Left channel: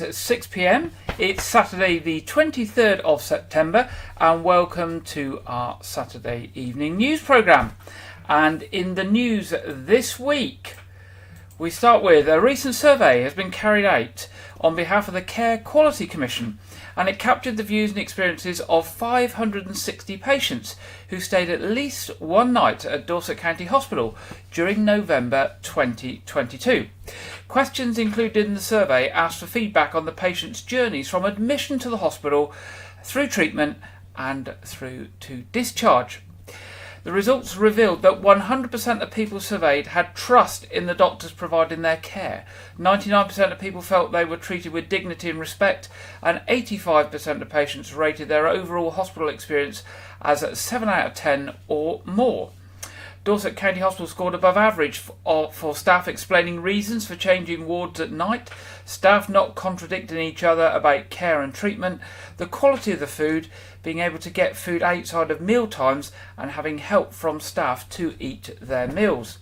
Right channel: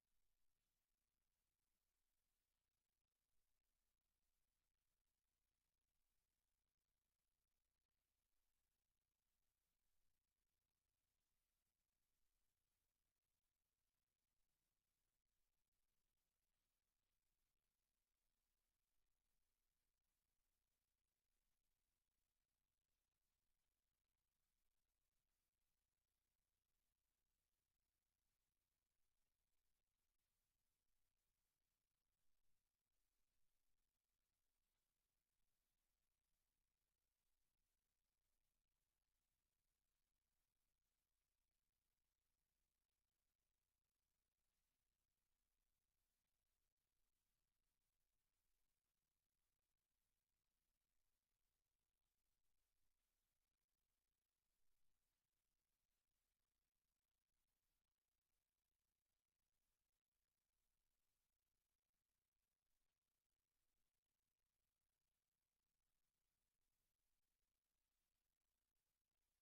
It's 6 p.m. It's Saturday the 23rd of September and welcome to our Saturday evening news programme. And in the news this week, we start with a recent survey has been carried out on behalf of the Care Quality Commission, and it captured the views and experiences of 560 patients who stayed at least one night at Dorset County Hospital during November 2022. Questions included in the survey asked for feedback on the patients' journeys from admission to the hospital, through treatment and through to discharge. The results revealed that 100% of people surveyed had trust in the doctors providing their care. 99% of people felt they were treated with dignity and respect, and 85% of patients rated their overall hospital experience as 7 out of 10 or more. Dorset County Hospital scored above average for staff explaining reasons for changing wards at night, staff not contradicting each other about care and treatment, the quality of the food, being able to get food outside of meal times, and having help from staff to eat their meals.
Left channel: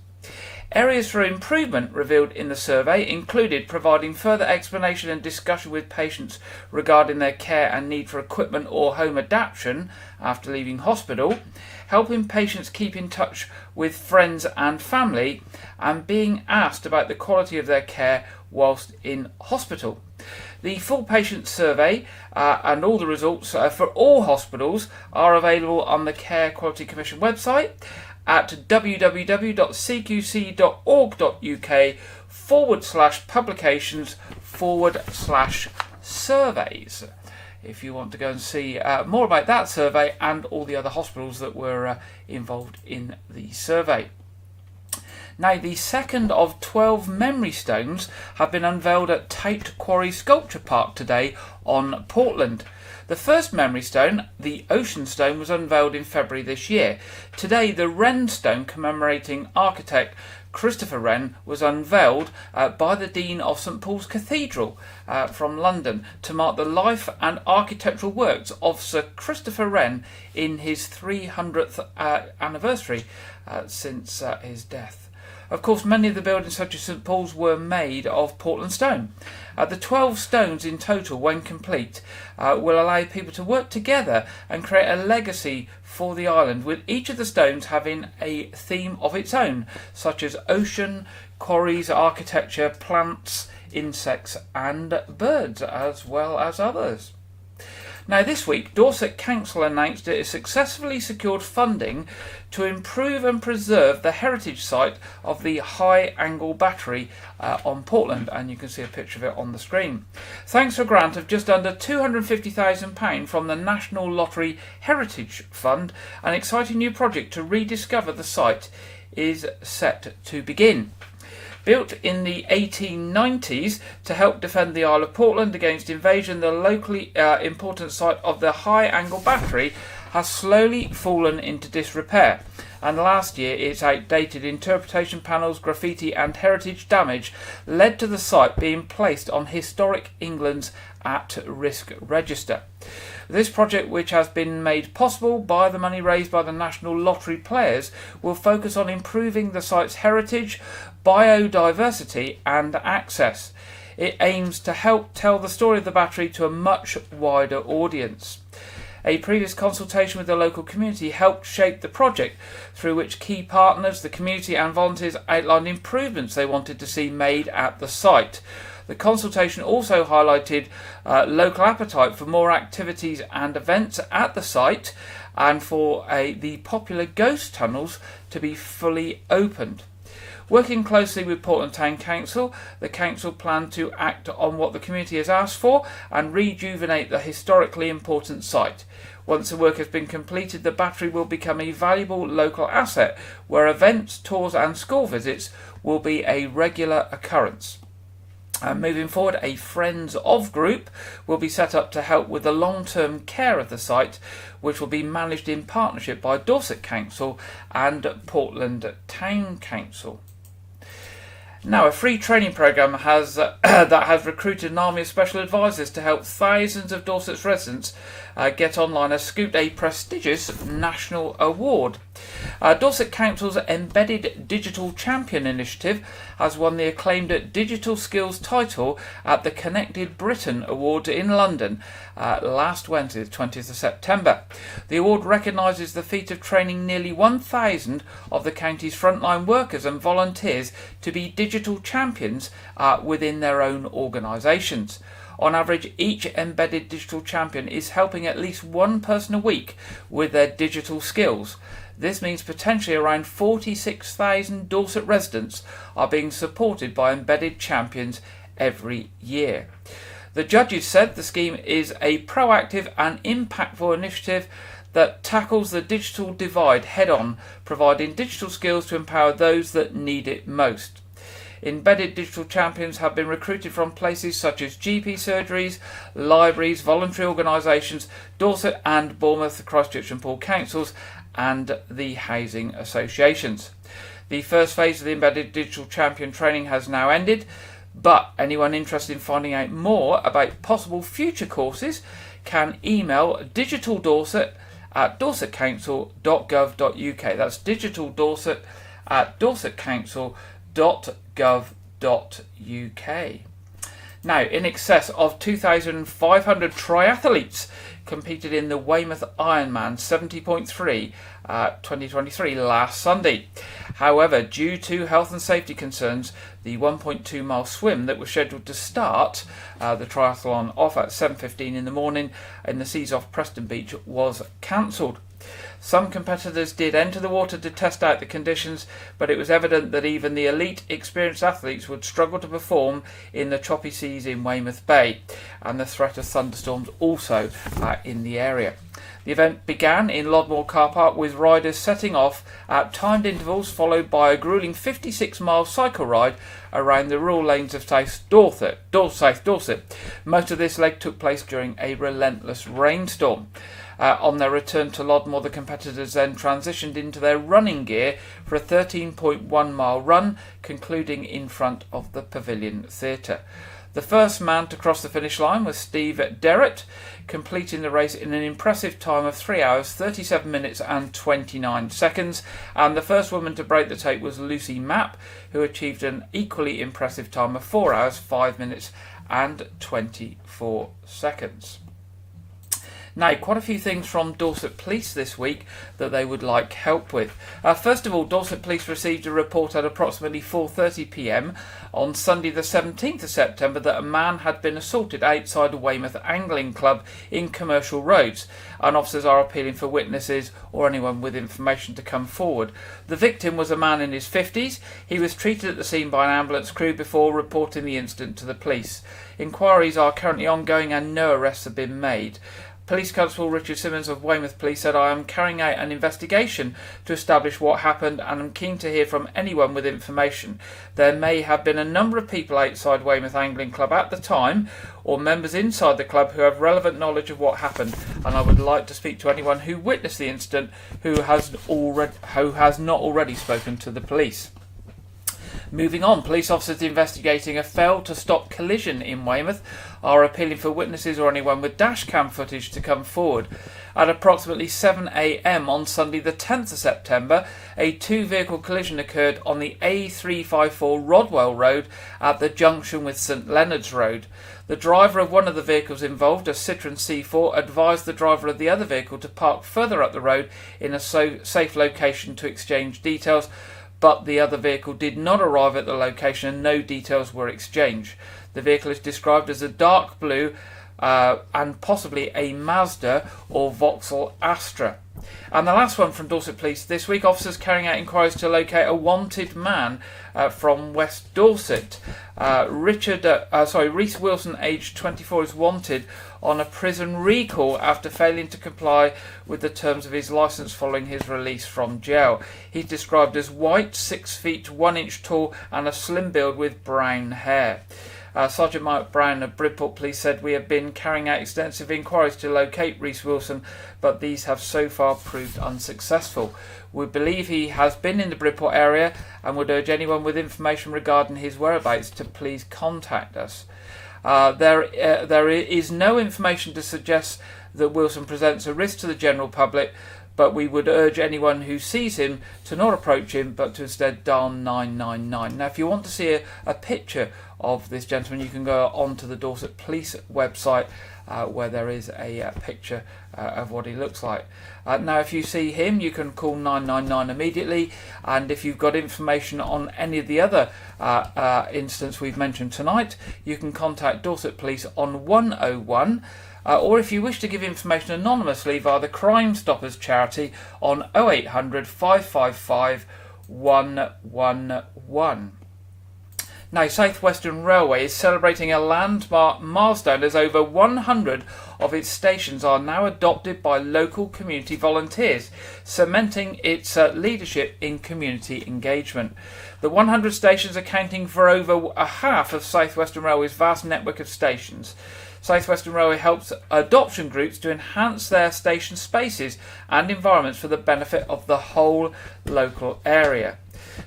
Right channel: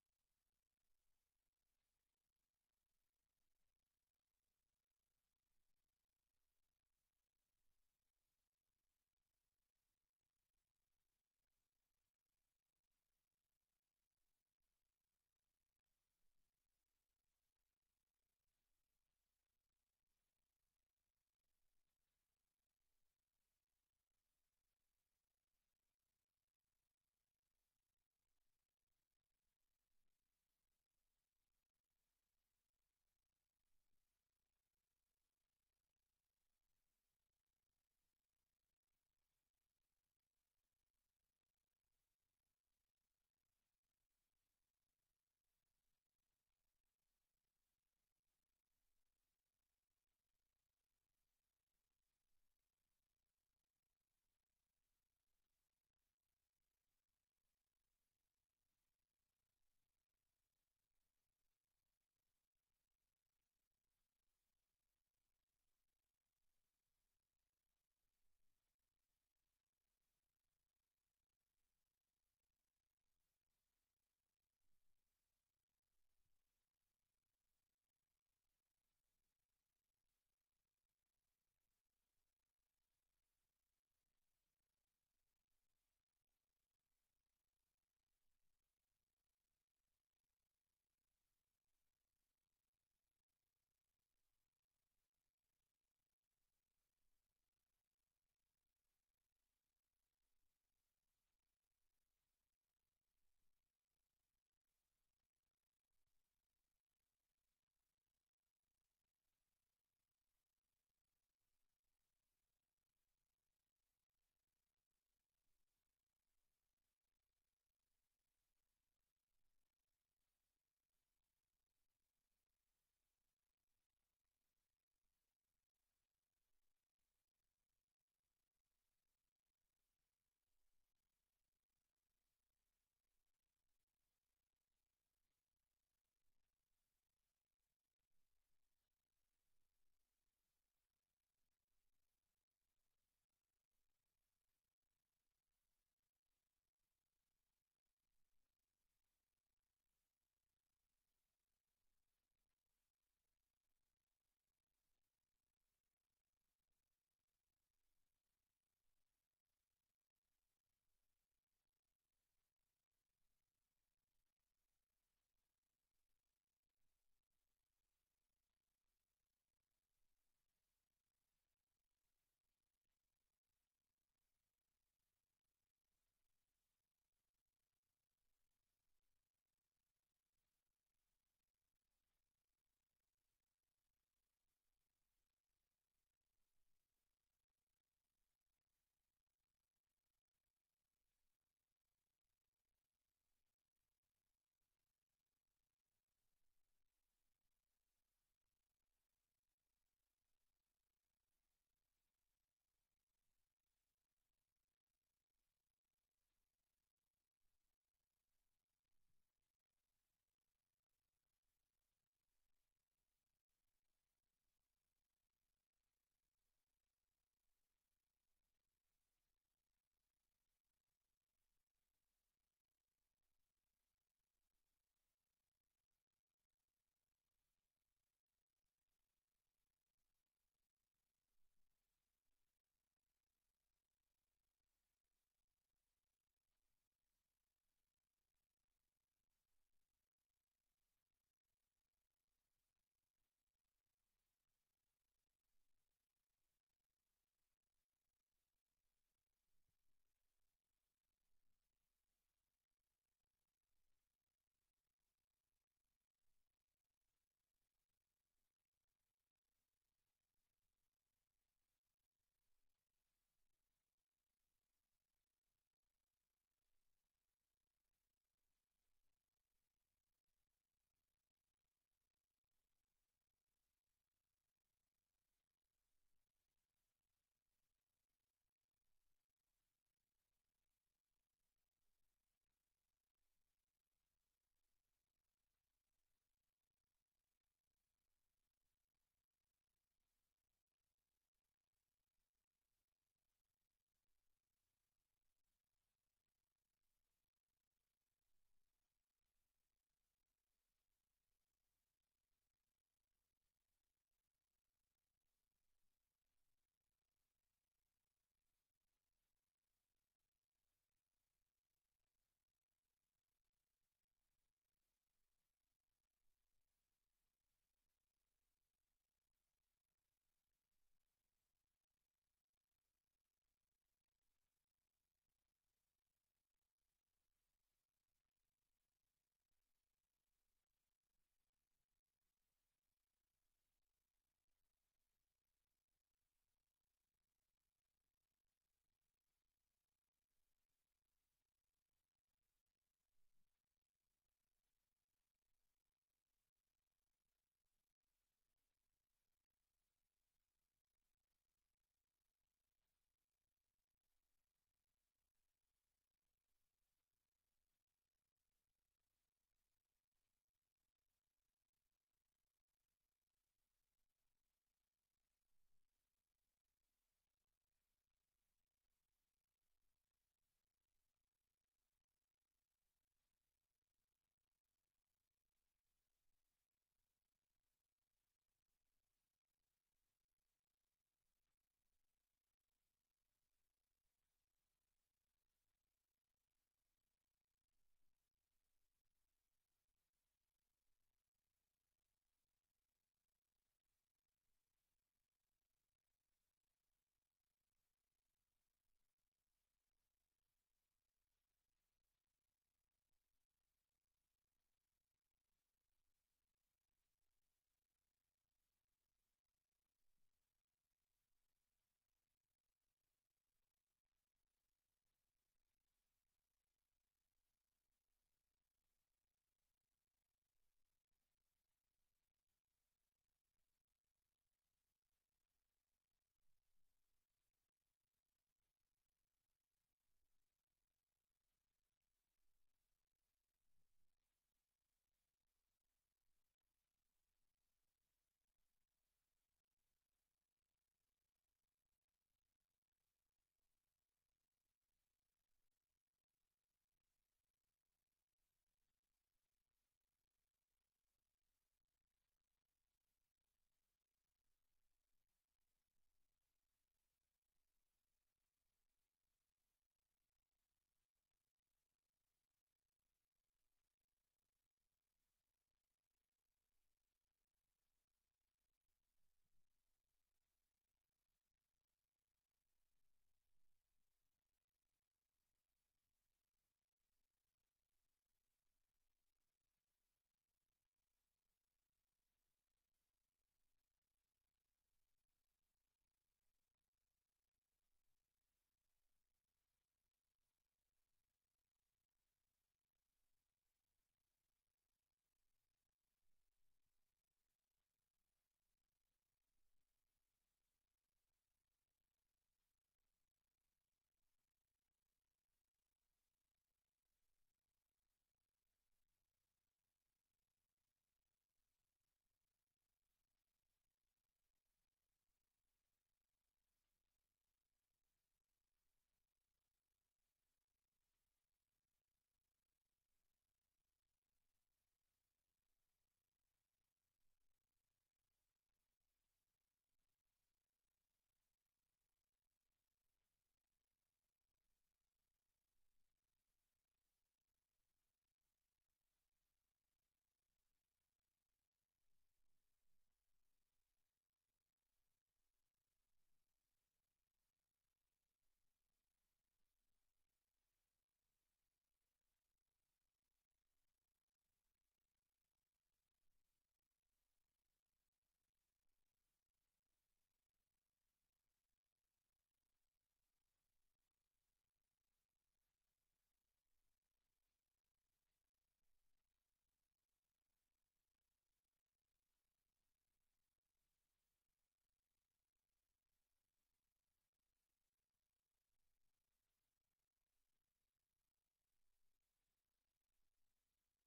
Areas for improvement revealed in the survey included providing further explanation and discussion with patients regarding their care and need for equipment or home adaptation after leaving hospital, helping patients keep in touch with friends and family, and being asked about the quality of their care whilst in hospital. The full patient survey and all the results for all hospitals are available on the Care Quality Commission website at www.cqc.org.uk/publications/surveys if you want to go and see more about that survey and all the other hospitals that were involved in the survey. Now, the second of 12 memory stones have been unveiled at Tate Quarry Sculpture Park today on Portland. The first memory stone, the Ocean Stone, was unveiled in February this year. Today, the Wren Stone, commemorating architect Christopher Wren, was unveiled by the Dean of St Paul's Cathedral from London to mark the life and architectural works of Sir Christopher Wren in his 300th anniversary since his death. Of course, many of the buildings, such as St Paul's, were made of Portland stone. The 12 stones in total, when complete, will allow people to work together and create a legacy for the island, with each of the stones having a theme of its own, such as ocean, quarries, architecture, plants, insects and birds, as well as others. Now, this week, Dorset Council announced it has successfully secured funding to improve and preserve the heritage site of the High Angle Battery on Portland, and you can see a picture of it on the screen. Thanks to a grant of just under £250,000 from the National Lottery Heritage Fund, an exciting new project to rediscover the site is set to begin. Built in the 1890s to help defend the Isle of Portland against invasion, the locally important site of the High Angle Battery has slowly fallen into disrepair, and last year its outdated interpretation panels, graffiti and heritage damage led to the site being placed on Historic England's at-risk register. This project, which has been made possible by the money raised by the National Lottery players, will focus on improving the site's heritage, biodiversity and access. It aims to help tell the story of the battery to a much wider audience. A previous consultation with the local community helped shape the project, through which key partners, the community and volunteers outlined improvements they wanted to see made at the site. The consultation also highlighted local appetite for more activities and events at the site, and for the popular ghost tunnels to be fully opened. Working closely with Portland Town Council, the council planned to act on what the community has asked for and rejuvenate the historically important site. Once the work has been completed, the battery will become a valuable local asset where events, tours and school visits will be a regular occurrence. Moving forward, a Friends of group will be set up to help with the long-term care of the site, which will be managed in partnership by Dorset Council and Portland Town Council. Now, a free training programme that has recruited an army of special advisors to help thousands of Dorset's residents get online has scooped a prestigious national award. Dorset Council's Embedded Digital Champion initiative has won the acclaimed Digital Skills title at the Connected Britain Awards in London last Wednesday, the 20th of September. The award recognises the feat of training nearly 1,000 of the county's frontline workers and volunteers to be digital champions within their own organisations. On average, each embedded digital champion is helping at least one person a week with their digital skills. This means potentially around 46,000 Dorset residents are being supported by embedded champions every year. The judges said the scheme is a proactive and impactful initiative that tackles the digital divide head-on, providing digital skills to empower those that need it most. Embedded digital champions have been recruited from places such as GP surgeries, libraries, voluntary organisations, Dorset and Bournemouth, Christchurch and Poole councils, and the housing associations. The first phase of the embedded digital champion training has now ended, but anyone interested in finding out more about possible future courses can email digitaldorset@dorsetcouncil.gov.uk. That's digitaldorset@dorsetcouncil.gov.uk. Now, in excess of 2,500 triathletes competed in the Weymouth Ironman 70.3 2023 last Sunday. However, due to health and safety concerns, the 1.2 mile swim that was scheduled to start the triathlon off at 7:15 in the morning in the seas off Preston Beach was cancelled. Some competitors did enter the water to test out the conditions, but it was evident that even the elite experienced athletes would struggle to perform in the choppy seas in Weymouth Bay, and the threat of thunderstorms also in the area. The event began in Lodmore car park with riders setting off at timed intervals, followed by a gruelling 56-mile cycle ride around the rural lanes of South Dorset. Most of this leg took place during a relentless rainstorm. On their return to Lodmore, the competitors then transitioned into their running gear for a 13.1 mile run, concluding in front of the Pavilion Theatre. The first man to cross the finish line was Steve Derrett, completing the race in an impressive time of 3 hours, 37 minutes and 29 seconds. And the first woman to break the tape was Lucy Mapp, who achieved an equally impressive time of 4 hours, 5 minutes and 24 seconds. Now, quite a few things from Dorset Police this week that they would like help with. First of all, Dorset Police received a report at approximately 4:30 p.m. on Sunday the 17th of September that a man had been assaulted outside a Weymouth Angling Club in Commercial Roads, and officers are appealing for witnesses or anyone with information to come forward. The victim was a man in his 50s. He was treated at the scene by an ambulance crew before reporting the incident to the police. Inquiries are currently ongoing and no arrests have been made. Police Constable Richard Simmons of Weymouth Police said, "I am carrying out an investigation to establish what happened and am keen to hear from anyone with information. There may have been a number of people outside Weymouth Angling Club at the time, or members inside the club who have relevant knowledge of what happened, and I would like to speak to anyone who witnessed the incident who has not already spoken to the police." Moving on, police officers investigating a failed to stop collision in Weymouth are appealing for witnesses or anyone with dashcam footage to come forward. At approximately 7 a.m. on Sunday the 10th of September, a two-vehicle collision occurred on the A354 Rodwell Road at the junction with St Leonard's Road. The driver of one of the vehicles involved, a Citroen C4, advised the driver of the other vehicle to park further up the road in a safe location to exchange details, but the other vehicle did not arrive at the location and no details were exchanged. The vehicle is described as a dark blue and possibly a Mazda or Vauxhall Astra. And the last one from Dorset Police this week, officers carrying out inquiries to locate a wanted man from West Dorset. Reese Wilson, aged 24, is wanted on a prison recall after failing to comply with the terms of his licence following his release from jail. He's described as white, 6 feet 1 inch tall and a slim build with brown hair. Sergeant Mike Brown of Bridport Police said, "We have been carrying out extensive inquiries to locate Reese Wilson, but these have so far proved unsuccessful. We believe he has been in the Bridport area and would urge anyone with information regarding his whereabouts to please contact us." There is no information to suggest that Wilson presents a risk to the general public, but we would urge anyone who sees him to not approach him, but to instead dial 999. Now, if you want to see a picture of this gentleman, you can go onto the Dorset Police website, where there is a picture of what he looks like. Now, if you see him, you can call 999 immediately, and if you've got information on any of the other incidents we've mentioned tonight, you can contact Dorset Police on 101, or if you wish to give information anonymously via the Crime Stoppers charity on 0800 555 111. Now, South Western Railway is celebrating a landmark milestone as over 100 of its stations are now adopted by local community volunteers, cementing its leadership in community engagement. The 100 stations accounting for over a half of South Western Railway's vast network of stations. South Western Railway helps adoption groups to enhance their station spaces and environments for the benefit of the whole local area.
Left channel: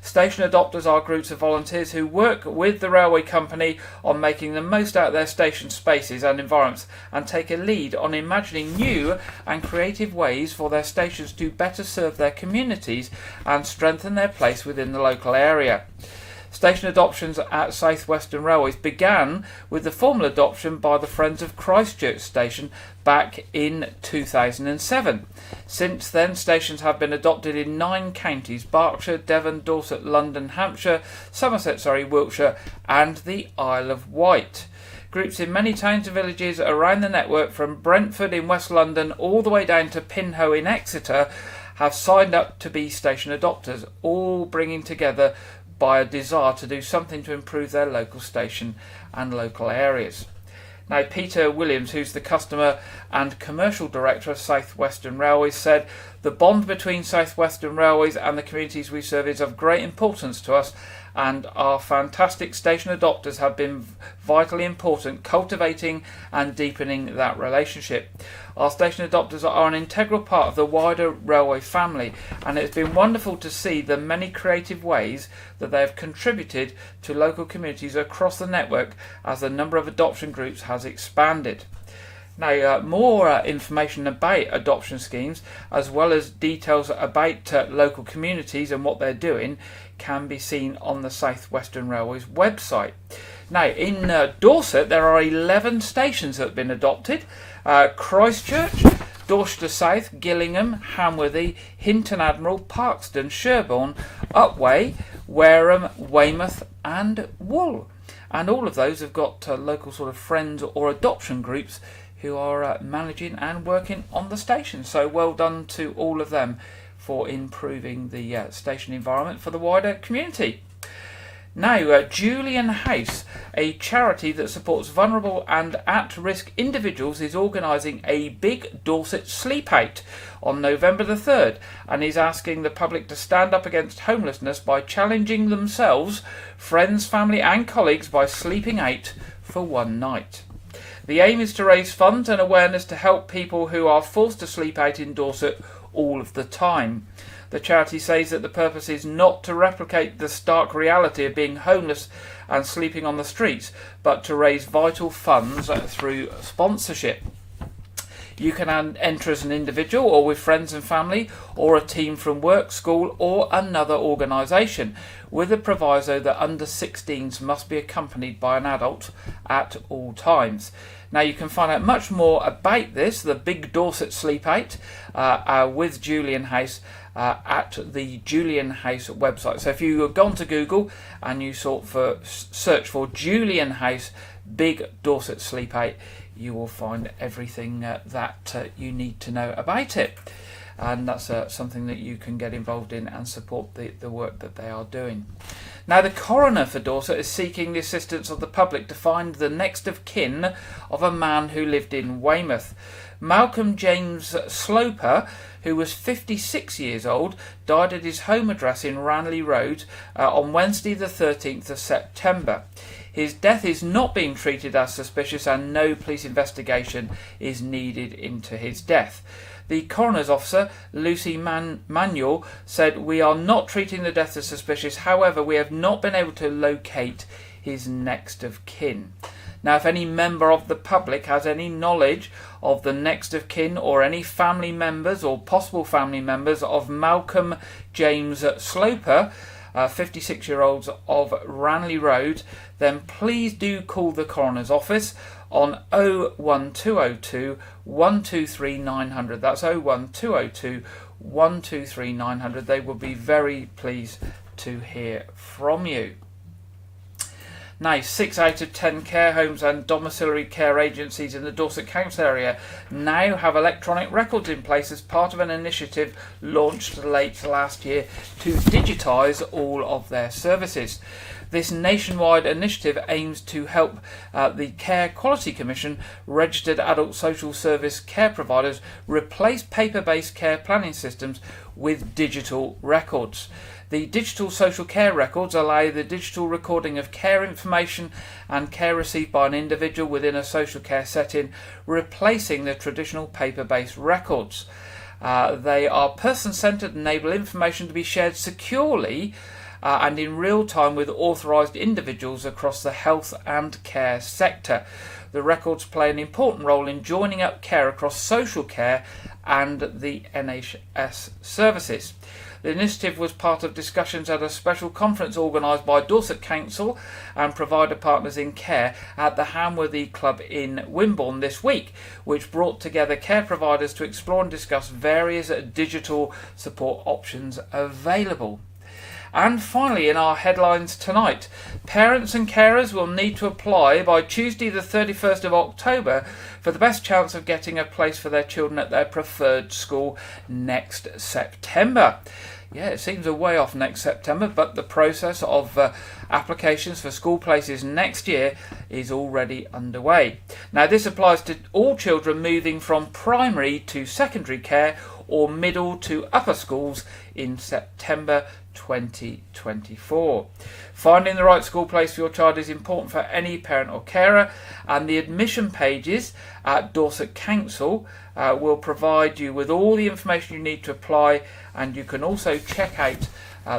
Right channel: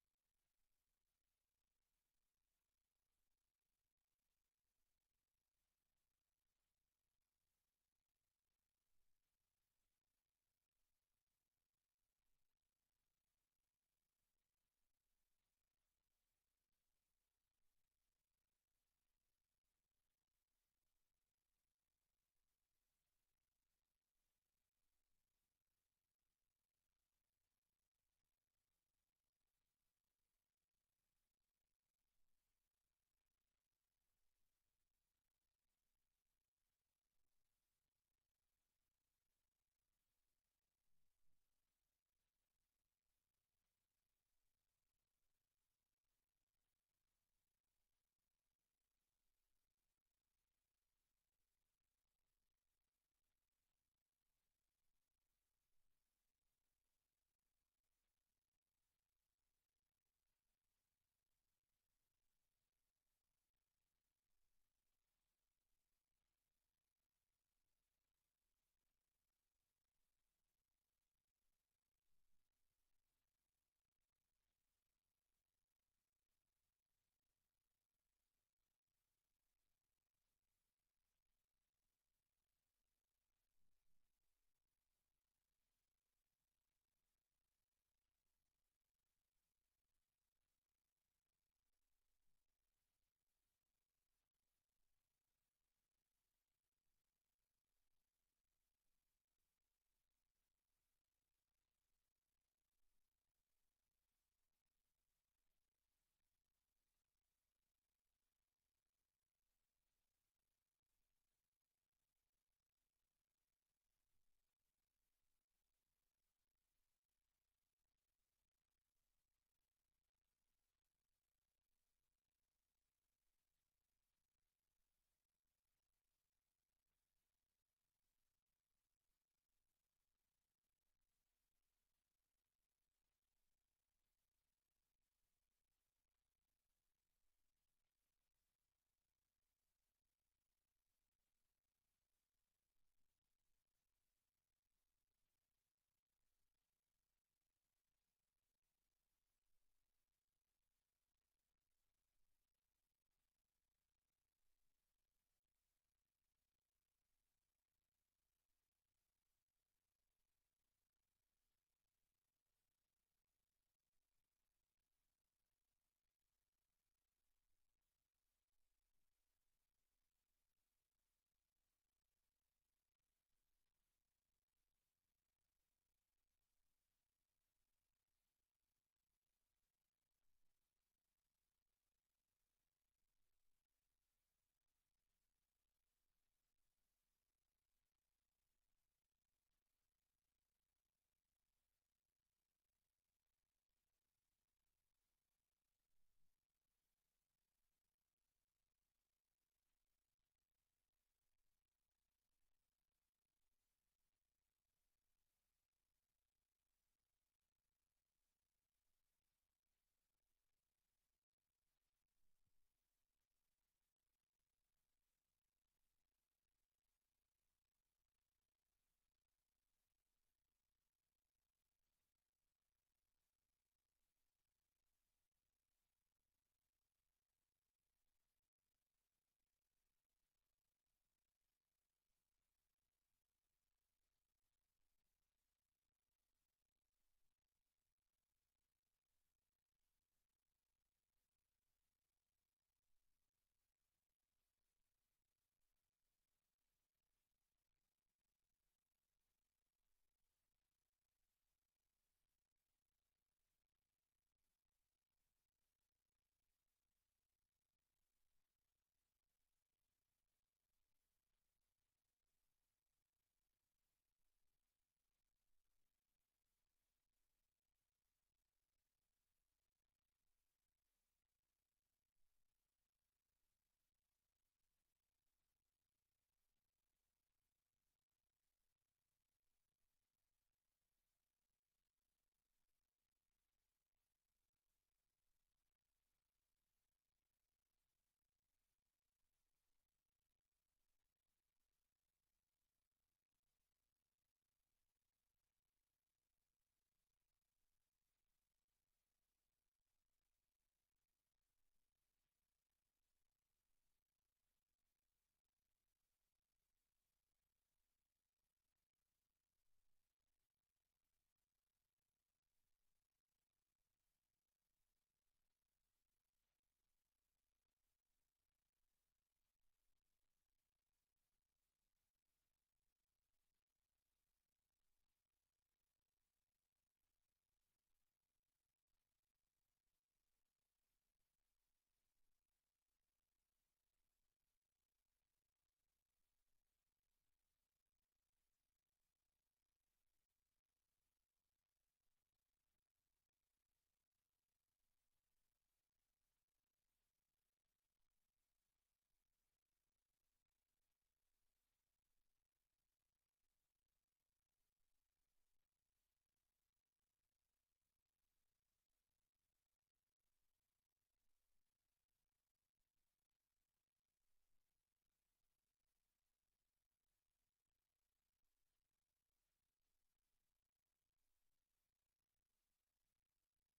Station adopters are groups of volunteers who work with the railway company on making the most out of their station spaces and environments, and take a lead on imagining new and creative ways for their stations to better serve their communities and strengthen their place within the local area. Station adoptions at South Western Railways began with the formal adoption by the Friends of Christchurch Station back in 2007. Since then, stations have been adopted in 9 counties: Berkshire, Devon, Dorset, London, Hampshire, Somerset, Wiltshire and the Isle of Wight. Groups in many towns and villages around the network, from Brentford in West London all the way down to Pinhoe in Exeter, have signed up to be station adopters, all bringing together by a desire to do something to improve their local station and local areas. Now, Peter Williams, who's the Customer and Commercial Director of South Western Railways, said, "The bond between South Western Railways and the communities we serve is of great importance to us, and our fantastic station adopters have been vitally important, cultivating and deepening that relationship. Our station adopters are an integral part of the wider railway family, and it's been wonderful to see the many creative ways that they have contributed to local communities across the network as the number of adoption groups has expanded." Now, more information about adoption schemes, as well as details about local communities and what they're doing, can be seen on the South Western Railways website. Now, in Dorset, there are 11 stations that have been adopted. Christchurch, Dorchester South, Gillingham, Hamworthy, Hinton Admiral, Parkston, Sherborne, Upwey, Wareham, Weymouth and Wool. And all of those have got local sort of friends or adoption groups who are managing and working on the station. So well done to all of them for improving the station environment for the wider community. Now, Julian House, a charity that supports vulnerable and at-risk individuals, is organising a big Dorset sleep out on November the 3rd, and is asking the public to stand up against homelessness by challenging themselves, friends, family and colleagues by sleeping out for one night. The aim is to raise funds and awareness to help people who are forced to sleep out in Dorset all of the time. The charity says that the purpose is not to replicate the stark reality of being homeless and sleeping on the streets, but to raise vital funds through sponsorship. You can enter as an individual or with friends and family, or a team from work, school or another organisation, with a proviso that under 16s must be accompanied by an adult at all times. Now, you can find out much more about this, the Big Dorset Sleep Out, with Julian House, at the Julian House website. So if you have gone to Google and you search for Julian House Big Dorset Sleep Out, you will find everything that you need to know about it. And that's something that you can get involved in and support the work that they are doing. Now, the coroner for Dorset is seeking the assistance of the public to find the next of kin of a man who lived in Weymouth. Malcolm James Sloper, who was 56 years old, died at his home address in Ranelagh Road on Wednesday the 13th of September. His death is not being treated as suspicious, and no police investigation is needed into his death. The coroner's officer, Lucy Manuel, said, "We are not treating the death as suspicious. However, we have not been able to locate his next of kin." Now, if any member of the public has any knowledge of the next of kin or any family members or possible family members of Malcolm James Sloper, 56-year-olds of Ranley Road, then please do call the coroner's office on 01202 123 900. That's 01202 123 900. They will be very pleased to hear from you. Now, 6 out of 10 care homes and domiciliary care agencies in the Dorset Council area now have electronic records in place as part of an initiative launched late last year to digitise all of their services. This nationwide initiative aims to help the Care Quality Commission registered adult social service care providers replace paper-based care planning systems with digital records. The digital social care records allow the digital recording of care information and care received by an individual within a social care setting, replacing the traditional paper-based records. They are person-centred and enable information to be shared securely and in real time with authorised individuals across the health and care sector. The records play an important role in joining up care across social care and the NHS services. The initiative was part of discussions at a special conference organised by Dorset Council and provider partners in care at the Hamworthy Club in Wimborne this week, which brought together care providers to explore and discuss various digital support options available. And finally, in our headlines tonight, parents and carers will need to apply by Tuesday the 31st of October for the best chance of getting a place for their children at their preferred school next September. Yeah, it seems a way off next September, but the process of applications for school places next year is already underway. Now, this applies to all children moving from primary to secondary care or middle to upper schools in September 2024. Finding the right school place for your child is important for any parent or carer, and the admission pages at Dorset Council will provide you with all the information you need to apply, and you can also check out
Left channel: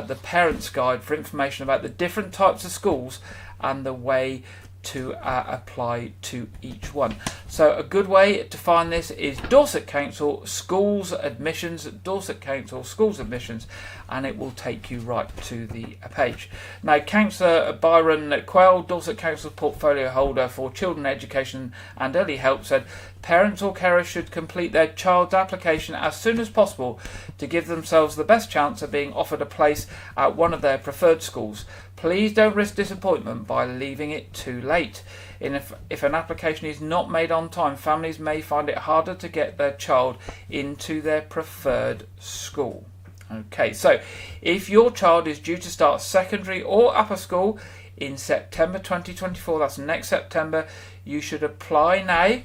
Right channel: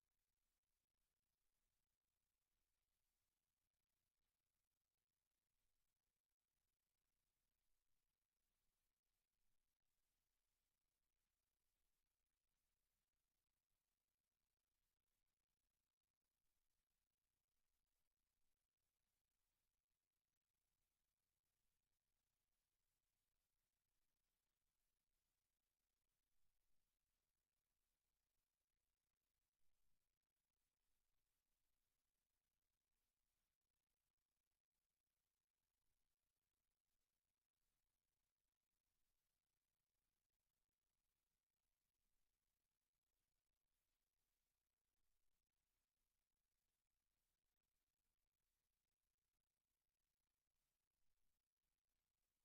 the Parents Guide for information about the different types of schools and the way to apply to each one. So a good way to find this is Dorset Council Schools Admissions, Dorset Council Schools Admissions, and it will take you right to the page. Now, Councillor Byron Quell, Dorset Council portfolio holder for children education and early help, said parents or carers should complete their child's application as soon as possible to give themselves the best chance of being offered a place at one of their preferred schools. Please don't risk disappointment by leaving it too late. If an application is not made on time, families may find it harder to get their child into their preferred school. Okay, so if your child is due to start secondary or upper school in September 2024, that's next September, you should apply now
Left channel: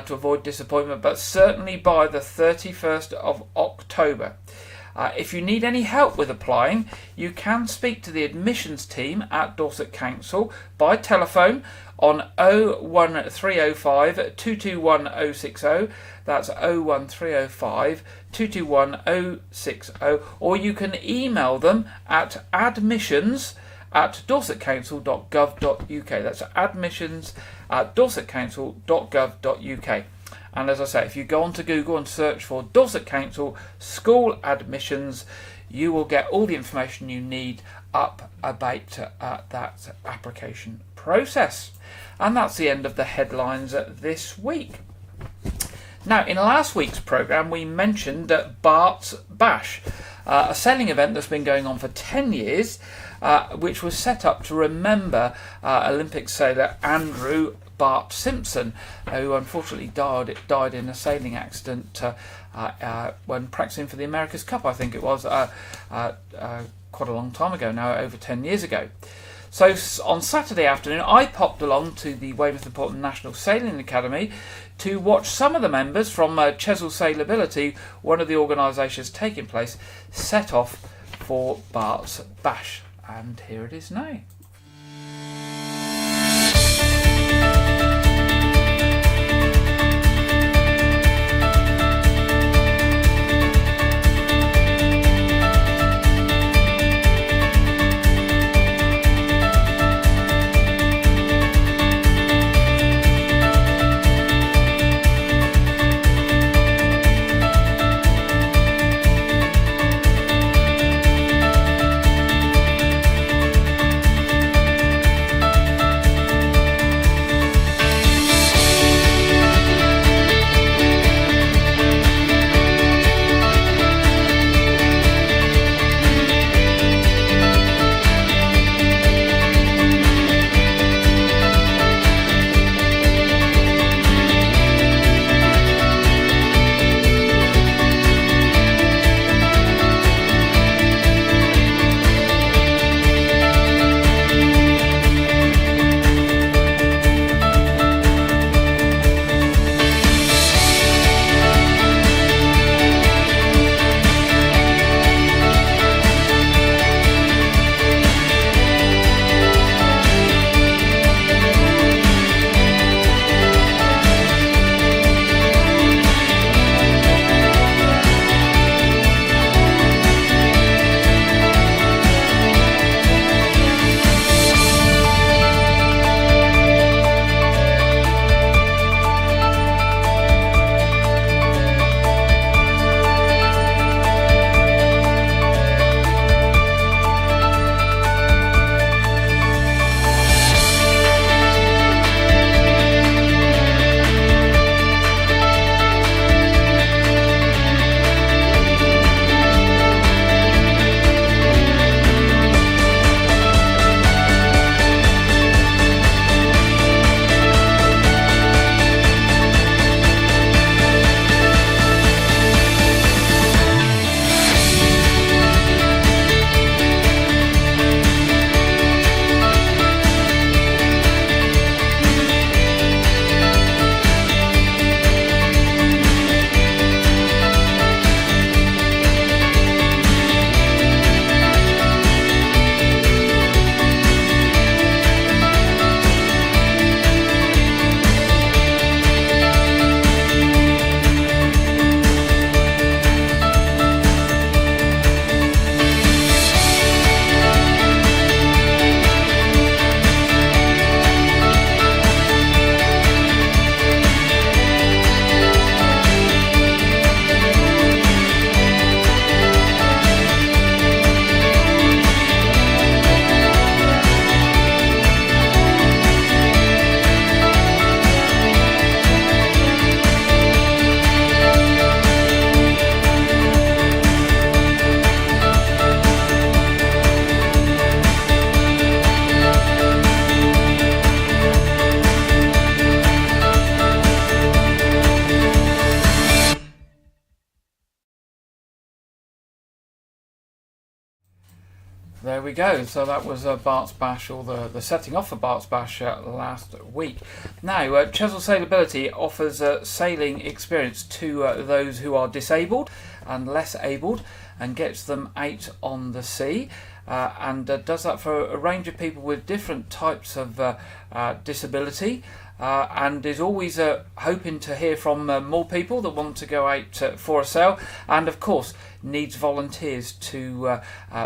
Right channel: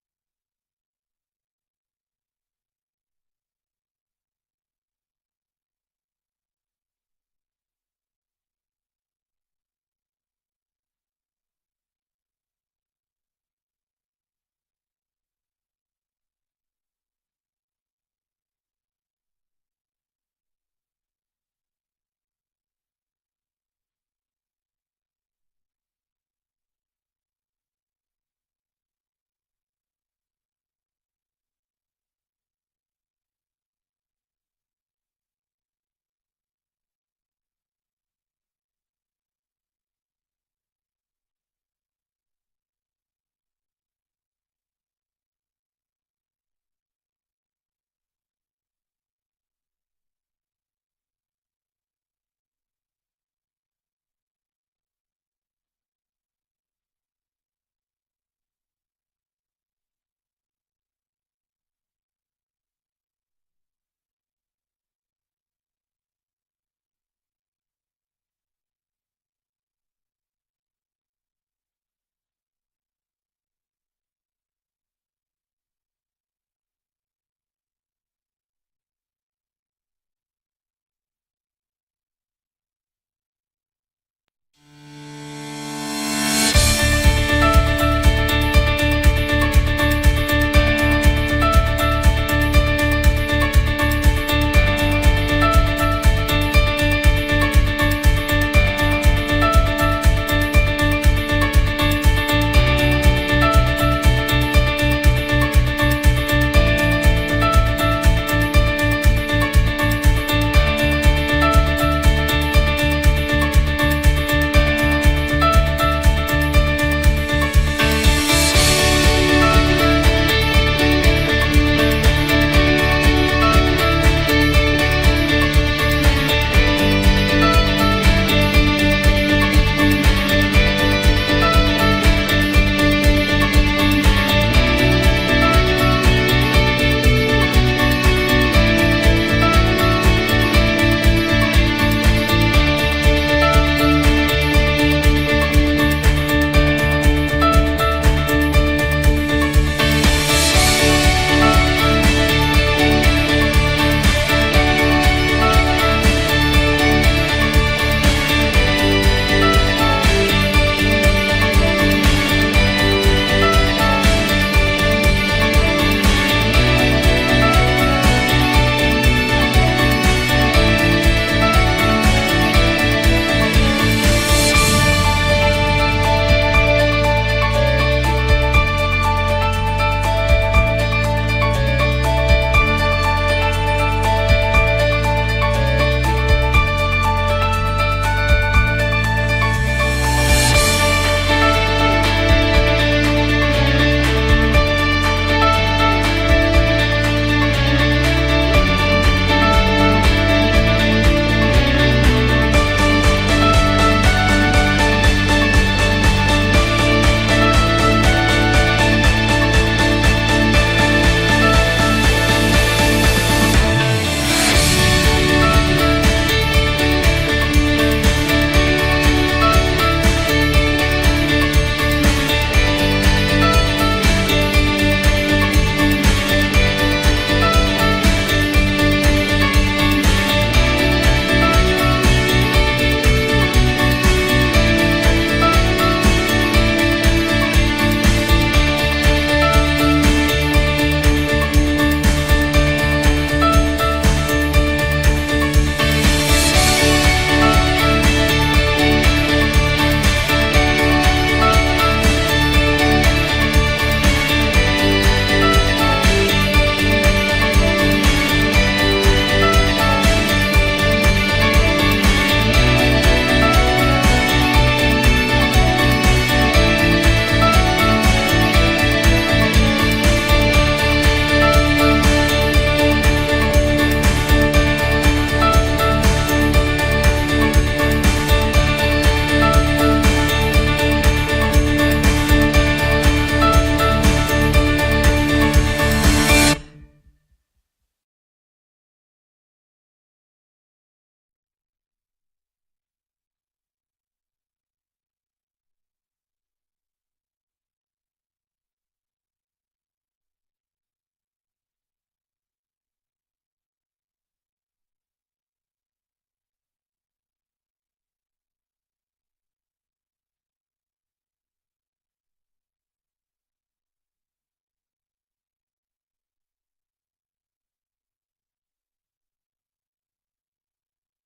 to avoid disappointment, but certainly by the 31st of October. If you need any help with applying, you can speak to the admissions team at Dorset Council by telephone on 01305 221 060. That's 01305 221 060. Or you can email them at admissions@dorsetcouncil.gov.uk. That's admissions@dorsetcouncil.gov.uk. And as I say, if you go onto Google and search for Dorset Council School Admissions, you will get all the information you need up about that application process. And that's the end of the headlines this week. Now, in last week's programme, we mentioned Bart's Bash, a sailing event that's been going on for 10 years, which was set up to remember Olympic sailor Andrew Bart Simpson, who unfortunately died in a sailing accident when practicing for the America's Cup, I think it was, quite a long time ago now, over 10 years ago. So on Saturday afternoon, I popped along to the Weymouth and Portland National Sailing Academy to watch some of the members from Chesil Sailability, one of the organisations taking place, set off for Bart's Bash. And here it is now. There we go. So that was Bart's Bash, or the setting off for Bart's Bash last week. Now, Chesil Sailability offers sailing experience to those who are disabled and less abled, and gets them out on the sea. And does that for a range of people with different types of disability, and is always hoping to hear from more people that want to go out for a sail, and of course needs volunteers to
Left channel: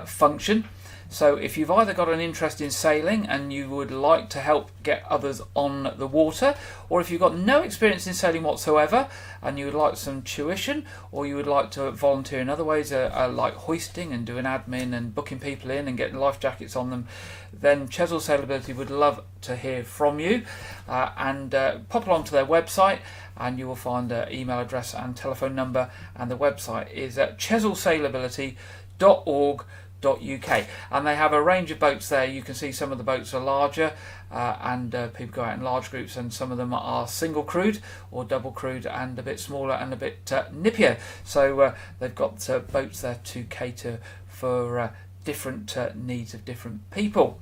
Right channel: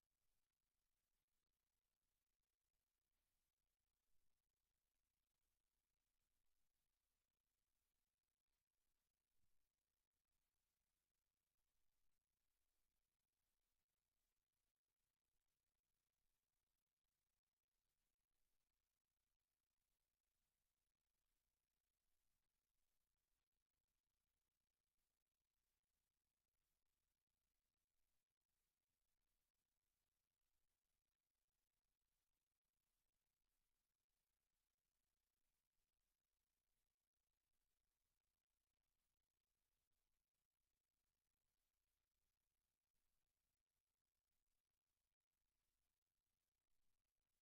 function. So if you've either got an interest in sailing and you would like to help get others on the water, or if you've got no experience in sailing whatsoever and you would like some tuition, or you would like to volunteer in other ways, like hoisting and doing admin and booking people in and getting life jackets on them, then Chesil Sailability would love to hear from you. And pop along to their website and you will find their email address and telephone number, and the website is at chesilsailability.org.uk, and they have a range of boats there. You can see some of the boats are larger, and people go out in large groups, and some of them are single crewed or double crewed and a bit smaller and a bit nippier. So they've got boats there to cater for different needs of different people.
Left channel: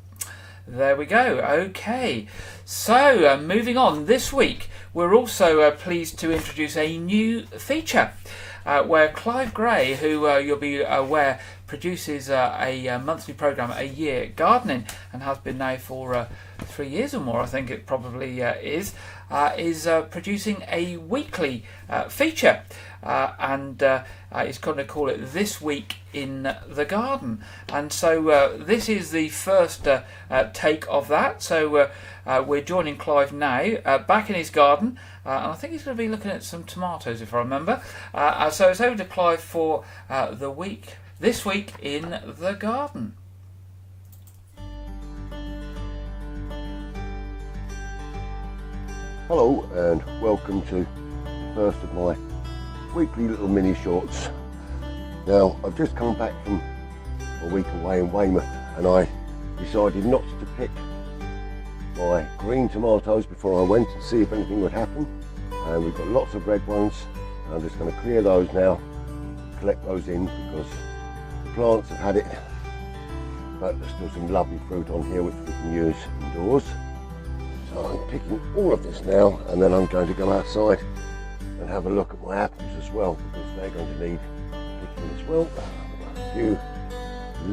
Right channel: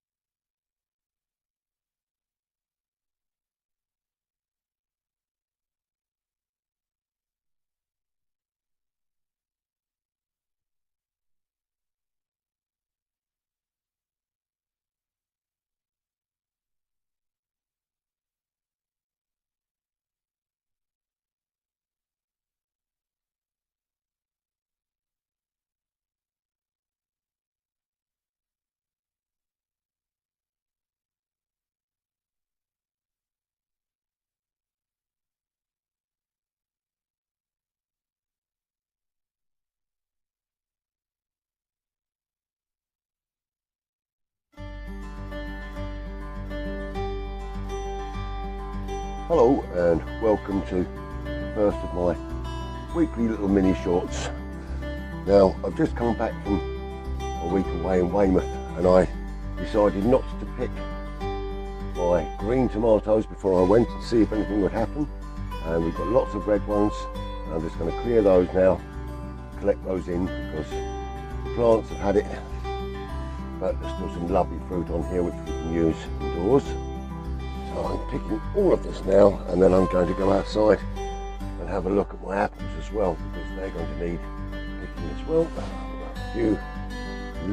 There we go. Okay, so moving on, this week we're also pleased to introduce a new feature where Clive Gray, who you'll be aware produces a monthly programme a year, gardening, and has been now for 3 years or more, I think it probably is producing a weekly feature, and he's going to call it This Week in the Garden. And so this is the first take of that. So we're joining Clive now back in his garden, and I think he's going to be looking at some tomatoes, if I remember. So it's over to Clive for This Week in the Garden. Hello and welcome to the first of my weekly little mini shorts. Now, I've just come back from a week away in Weymouth, and I decided not to pick my green tomatoes before I went and see if anything would happen. And we've got lots of red ones, and I'm just going to clear those now, collect those in, because the plants have had it, but there's still some lovely fruit on here which we can use indoors. So I'm picking all of this now, and then I'm going to go outside and have a look at my apples as well, because they're going to need picking as well. I've got a few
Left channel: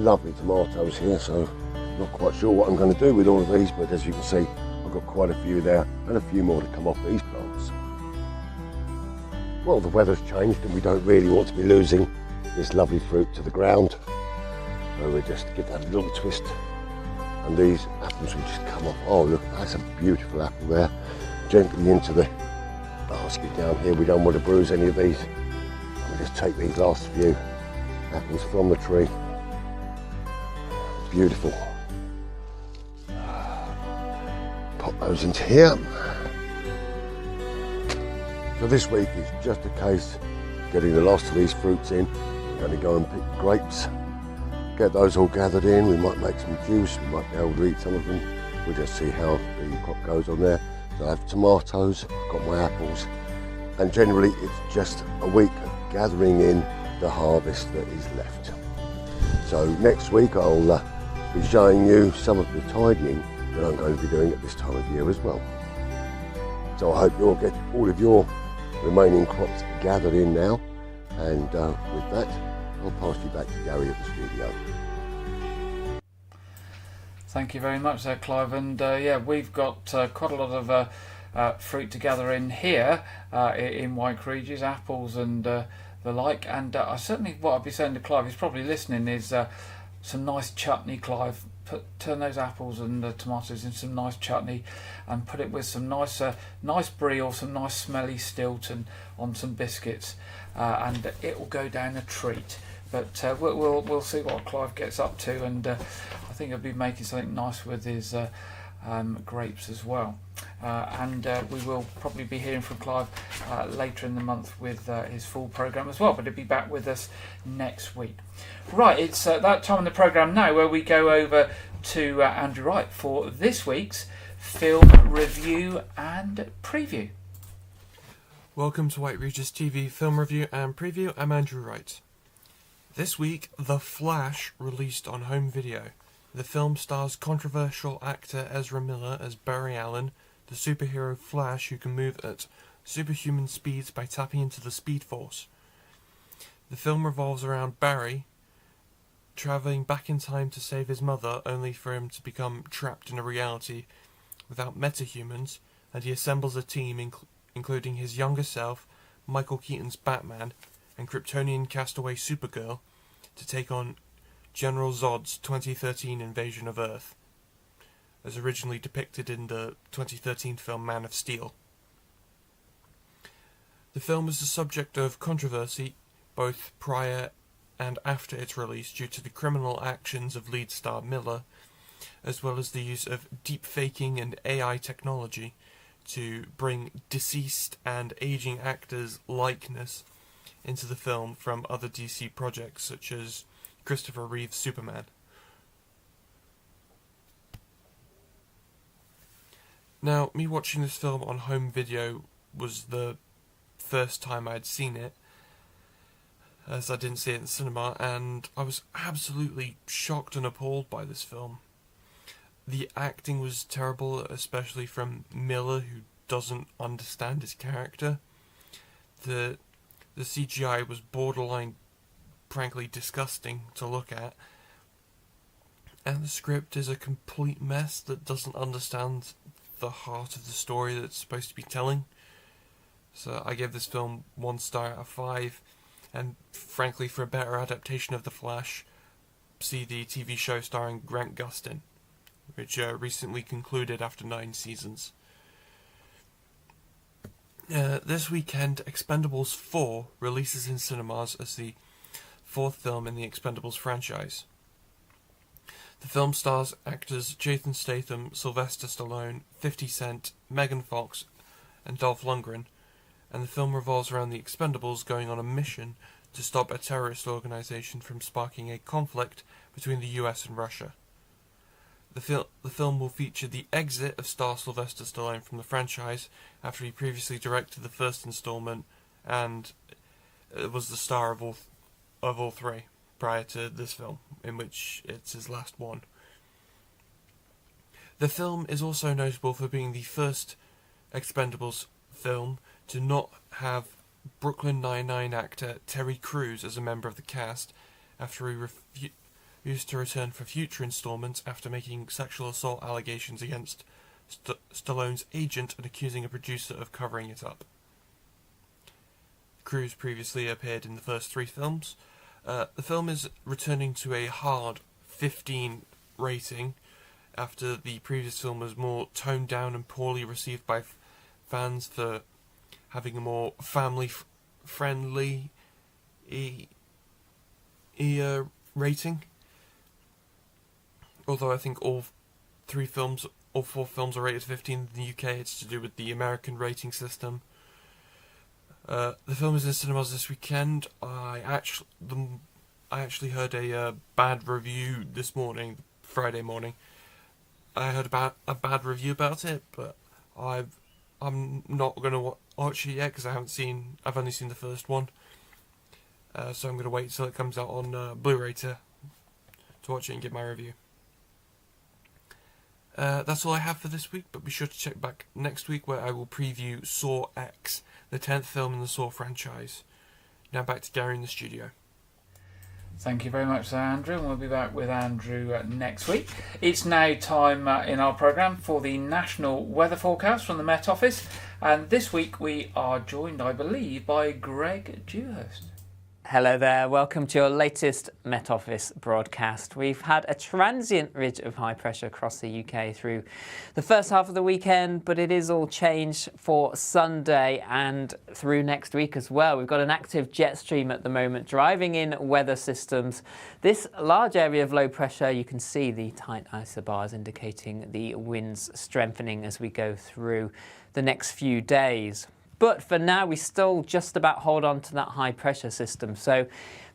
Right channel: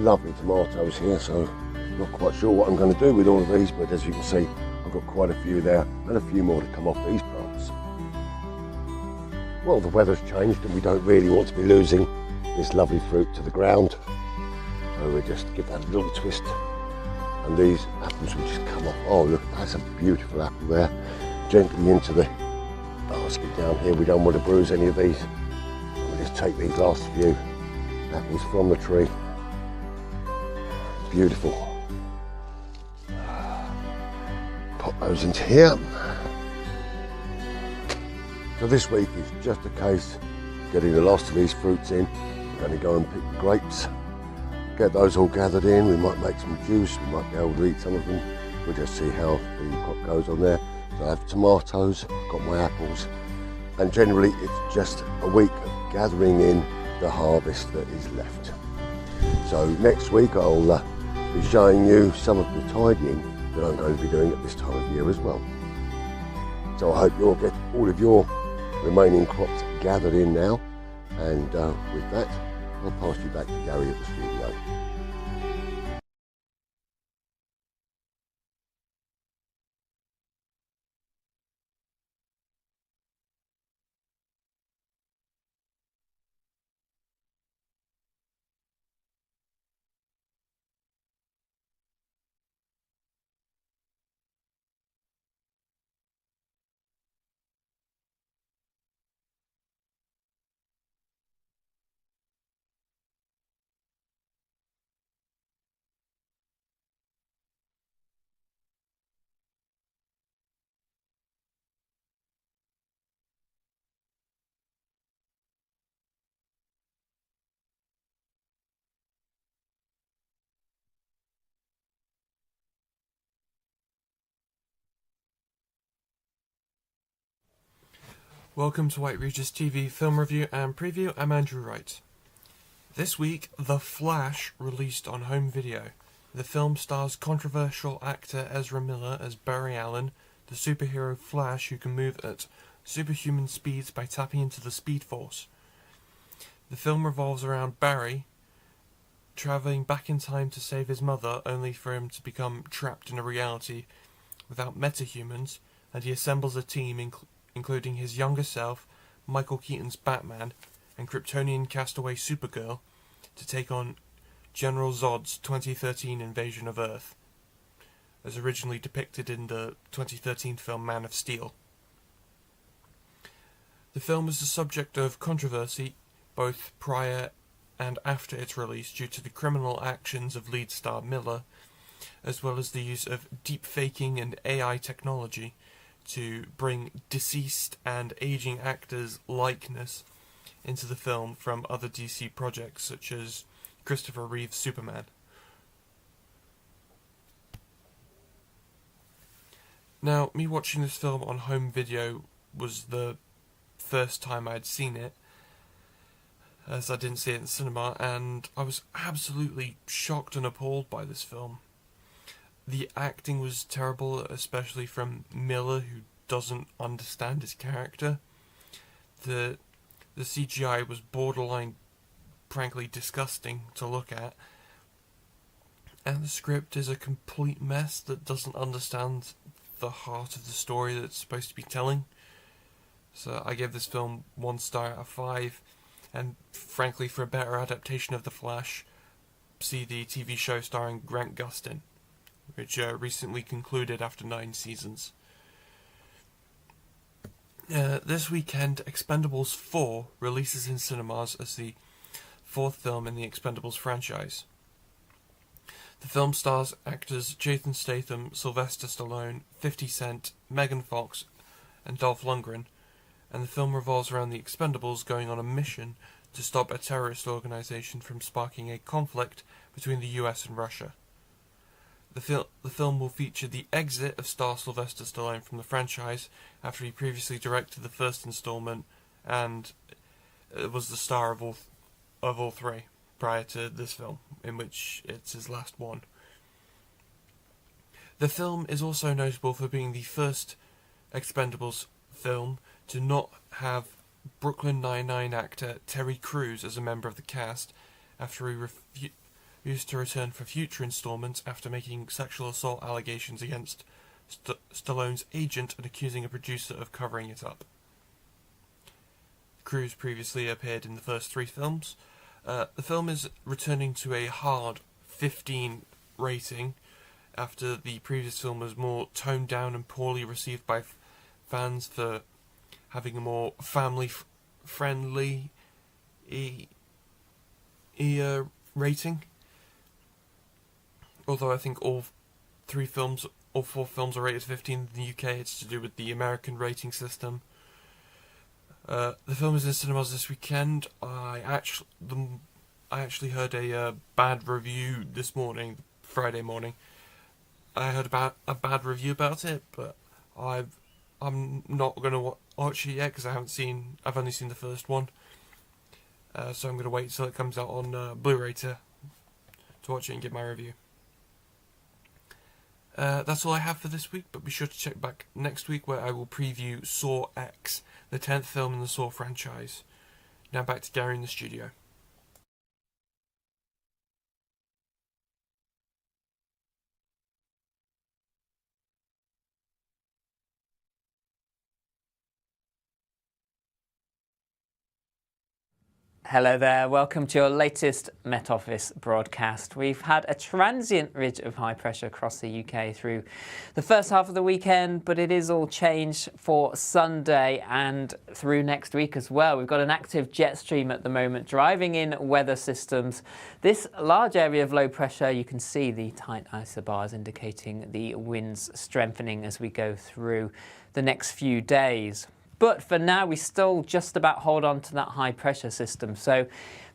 lovely tomatoes here, so I'm not quite sure what I'm going to do with all of these, but as you can see, I've got quite a few there and a few more to come off these plants. Well, the weather's changed and we don't really want to be losing this lovely fruit to the ground, so we just give that a little twist, and these apples will just come off. Oh look, that's a beautiful apple there, gently into the basket down here. We don't want to bruise any of these. We'll just take these last few apples from the tree. Beautiful. Pop those into here. So this week is just a case of getting the last of these fruits in. We're going to go and pick grapes, get those all gathered in. We might make some juice, we might be able to eat some of them. We'll just see how the crop goes on there. So I have tomatoes, I've got my apples, and generally it's just a week of gathering in the harvest that is left. So next week I'll be showing you some of the tidying that I'm going to be doing at this time of year as well. So I hope you'll get all of your remaining crops gathered in now, and with that I'll pass you back to Gary at the studio. Thank you very much there, Clive, and yeah, we've got quite a lot of fruit to gather in here in Wyke, Regis, apples and the like, and I certainly, what I'd be saying to Clive, he's probably listening, is some nice chutney, Clive. Turn those apples and tomatoes into some nice chutney and put it with some nice brie or some nice smelly Stilton on some biscuits, and it will go down a treat. But we'll see what Clive gets up to, and I think he'll be making something nice with his grapes as well. And we will probably be hearing from Clive later in the month with his full programme as well, but he'll be back with us next week. Right, it's that time in the programme now where we go over to Andrew Wright for this week's film review and preview. Welcome to White Regis TV Film Review and Preview. I'm Andrew Wright. This week, The Flash released on home video. The film stars controversial actor Ezra Miller as Barry Allen, the superhero Flash who can move at superhuman speeds by tapping into the Speed Force. The film revolves around Barry travelling back in time to save his mother, only for him to become trapped in a reality without metahumans, and he assembles a team including his younger self, Michael Keaton's Batman, and Kryptonian castaway Supergirl to take on General Zod's 2013 invasion of Earth, as originally depicted in the 2013 film Man of Steel. The film was the subject of controversy both prior and after its release due to the criminal actions of lead star Miller, as well as the use of deep faking and AI technology to bring deceased and aging actors' likeness into the film from other DC projects such as Christopher Reeve's Superman. Now, me watching this film on home video was the first time I'd seen it, as I didn't see it in cinema, and I was absolutely shocked and appalled by this film. The acting was terrible, especially from Miller, who doesn't understand his character. The CGI was borderline, frankly, disgusting to look at. And the script is a complete mess that doesn't understand the heart of the story that it's supposed to be telling. So I gave this film 1 star out of 5. And frankly, for a better adaptation of The Flash, see the TV show starring Grant Gustin, which recently concluded after 9 seasons. This weekend, Expendables 4 releases in cinemas as the 4th film in the Expendables franchise. The film stars actors Jason Statham, Sylvester Stallone, 50 Cent, Megan Fox, and Dolph Lundgren, and the film revolves around the Expendables going on a mission to stop a terrorist organization from sparking a conflict between the US and Russia. The film will feature the exit of star Sylvester Stallone from the franchise after he previously directed the first installment and was the star of all 3 prior to this film, in which it's his last one. The film is also notable for being the first Expendables film to not have Brooklyn Nine-Nine actor Terry Crews as a member of the cast after he refused to return for future installments after making sexual assault allegations against Stallone's agent and accusing a producer of covering it up. Crews previously appeared in the first 3 films. The film is returning to a hard 15 rating after the previous film was more toned down and poorly received by fans for having a more family-friendly rating. Although I think all 4 films are rated 15 in the UK, it's to do with the American rating system. The film is in cinemas this weekend. I actually heard a bad review this morning, Friday morning. I heard about a bad review about it, but I'm not going to watch it yet because I've only seen the first one. So I'm going to wait till it comes out on Blu-ray to watch it and give my review. That's all I have for this week, but be sure to check back next week where I will preview Saw X, the 10th film in the Saw franchise. Now back to Gary in the studio. Thank you very much, Sir Andrew, and we'll be back with Andrew next week. It's now time in our programme for the national weather forecast from the Met Office, and this week we are joined, I believe, by Greg Dewhurst. Hello there, welcome to your latest Met Office broadcast. We've had a transient ridge of high pressure across the UK through the first half of the weekend, but it is all changed for Sunday and through next week as well. We've got an active jet stream at the moment driving in weather systems. This large area of low pressure, you can see the tight isobars indicating the winds strengthening as we go through the next few days. But for now, we still just about hold on to that high pressure system. So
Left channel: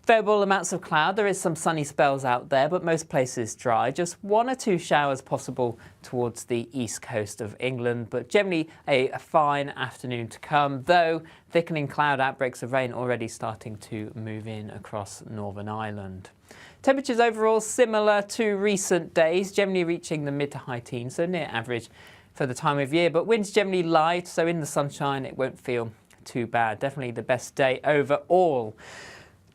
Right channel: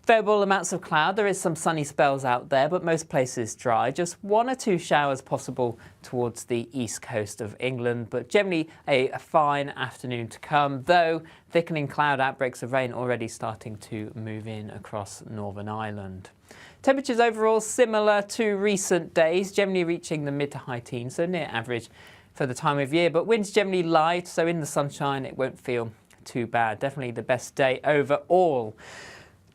Variable amounts of cloud. There is some sunny spells out there, but most places dry. Just 1 or 2 showers possible towards the east coast of England, but generally a fine afternoon to come, though thickening cloud outbreaks of rain already starting to move in across Northern Ireland. Temperatures overall similar to recent days, generally reaching the mid to high teens, so near average for the time of year, but winds generally light, so in the sunshine it won't feel too bad. Definitely the best day overall.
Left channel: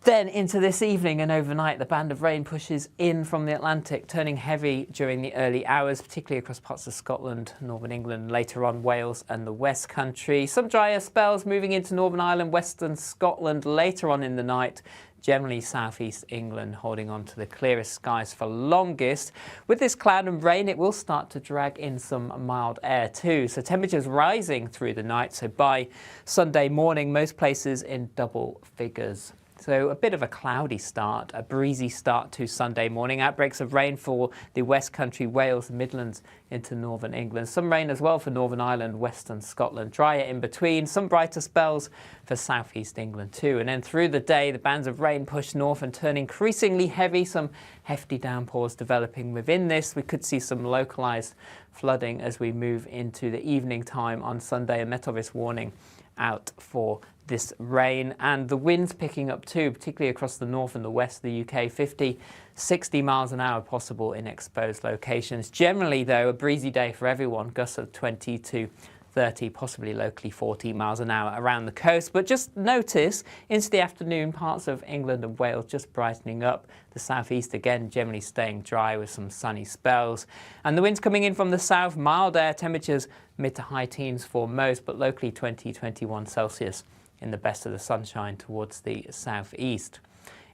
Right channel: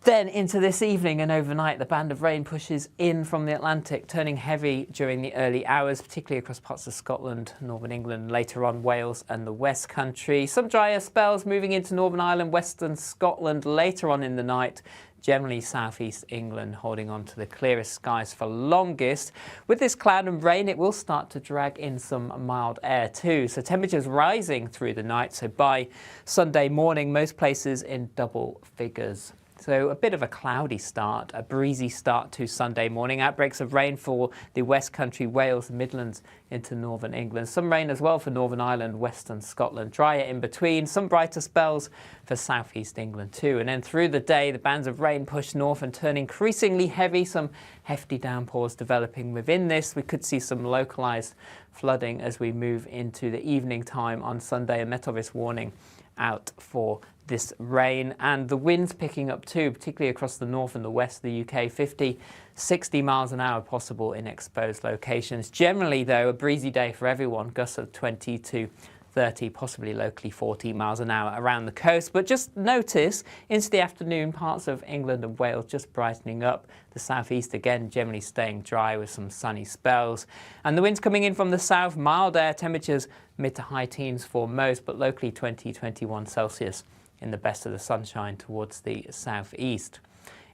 Then into this evening and overnight, the band of rain pushes in from the Atlantic, turning heavy during the early hours, particularly across parts of Scotland, Northern England, later on Wales and the West Country. Some drier spells moving into Northern Ireland, Western Scotland later on in the night. Generally southeast England holding on to the clearest skies for longest. With this cloud and rain, it will start to drag in some mild air too. So temperatures rising through the night. So by Sunday morning, most places in double figures. So a bit of a cloudy start, a breezy start to Sunday morning. Outbreaks of rain for the West Country, Wales, Midlands into Northern England. Some rain as well for Northern Ireland, Western Scotland. Drier in between. Some brighter spells for southeast England too. And then through the day, the bands of rain push north and turn increasingly heavy. Some hefty downpours developing within this. We could see some localised flooding as we move into the evening time on Sunday. A Met Office warning out for this rain, and the winds picking up too, particularly across the north and the west of the UK. 50, 60 miles an hour possible in exposed locations. Generally though, a breezy day for everyone, gusts of 20 to 30, possibly locally 40 miles an hour around the coast. But just notice into the afternoon, parts of England and Wales just brightening up. The southeast again generally staying dry with some sunny spells. And the winds coming in from the south, mild air, temperatures mid to high teens for most, but locally 20, 21 Celsius in the best of the sunshine towards the southeast.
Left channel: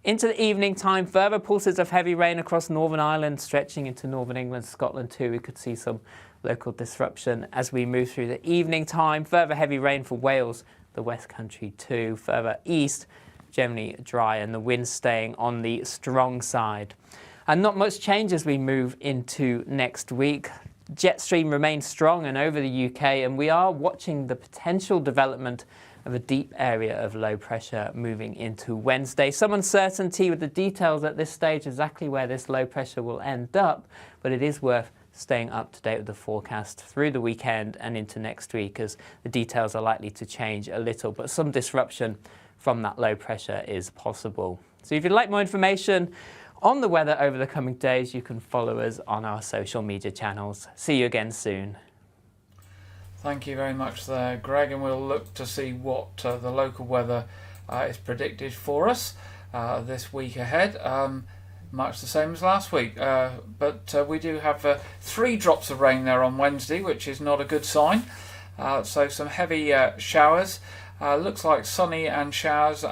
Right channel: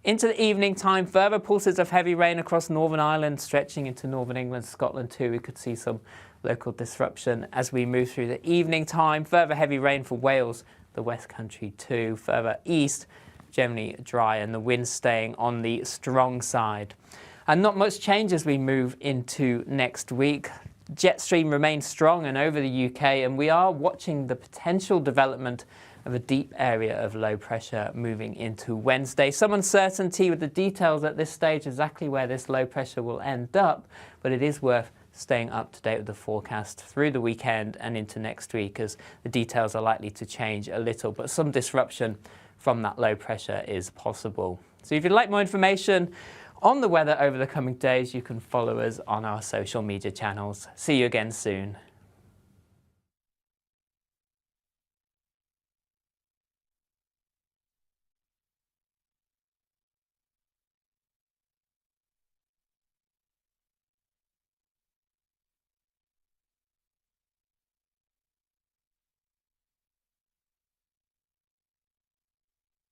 Into the evening time, further pulses of heavy rain across Northern Ireland, stretching into Northern England, Scotland too. We could see some local disruption as we move through the evening time. Further heavy rain for Wales, the West Country too. Further east, generally dry and the wind staying on the strong side. And not much change as we move into next week. Jet stream remains strong and over the UK, and we are watching the potential development of a deep area of low pressure moving into Wednesday. Some uncertainty with the details at this stage, exactly where this low pressure will end up, but it is worth staying up to date with the forecast through the weekend and into next week, as the details are likely to change a little, but some disruption from that low pressure is possible. So if you'd like more information on the weather over the coming days, you can follow us on our social media channels. See you again soon. Thank you very much there, Greg, and we'll look to see what the local weather is predicted for us this week ahead. Much the same as last week, but we do have 3 drops of rain there on Wednesday, which is not a good sign. So some heavy showers. Looks like sunny and showers.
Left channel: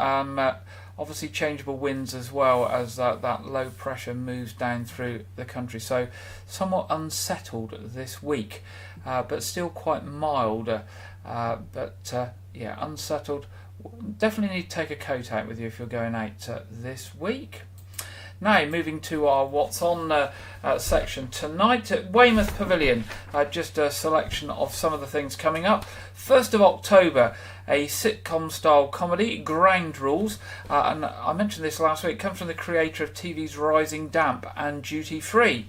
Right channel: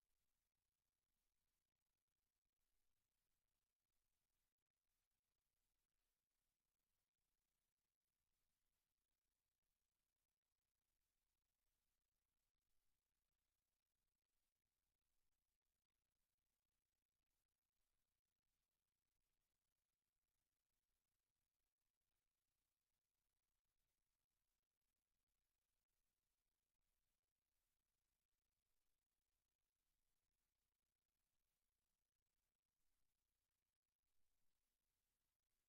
Obviously changeable winds as well as that low pressure moves down through the country. So somewhat unsettled this week. But still quite mild, yeah, unsettled. Definitely need to take a coat out with you if you're going out this week. Now, moving to our What's On section tonight at Weymouth Pavilion. Just a selection of some of the things coming up. 1st of October, a sitcom-style comedy, Ground Rules. And I mentioned this last week. It comes from the creator of TV's Rising Damp and Duty Free.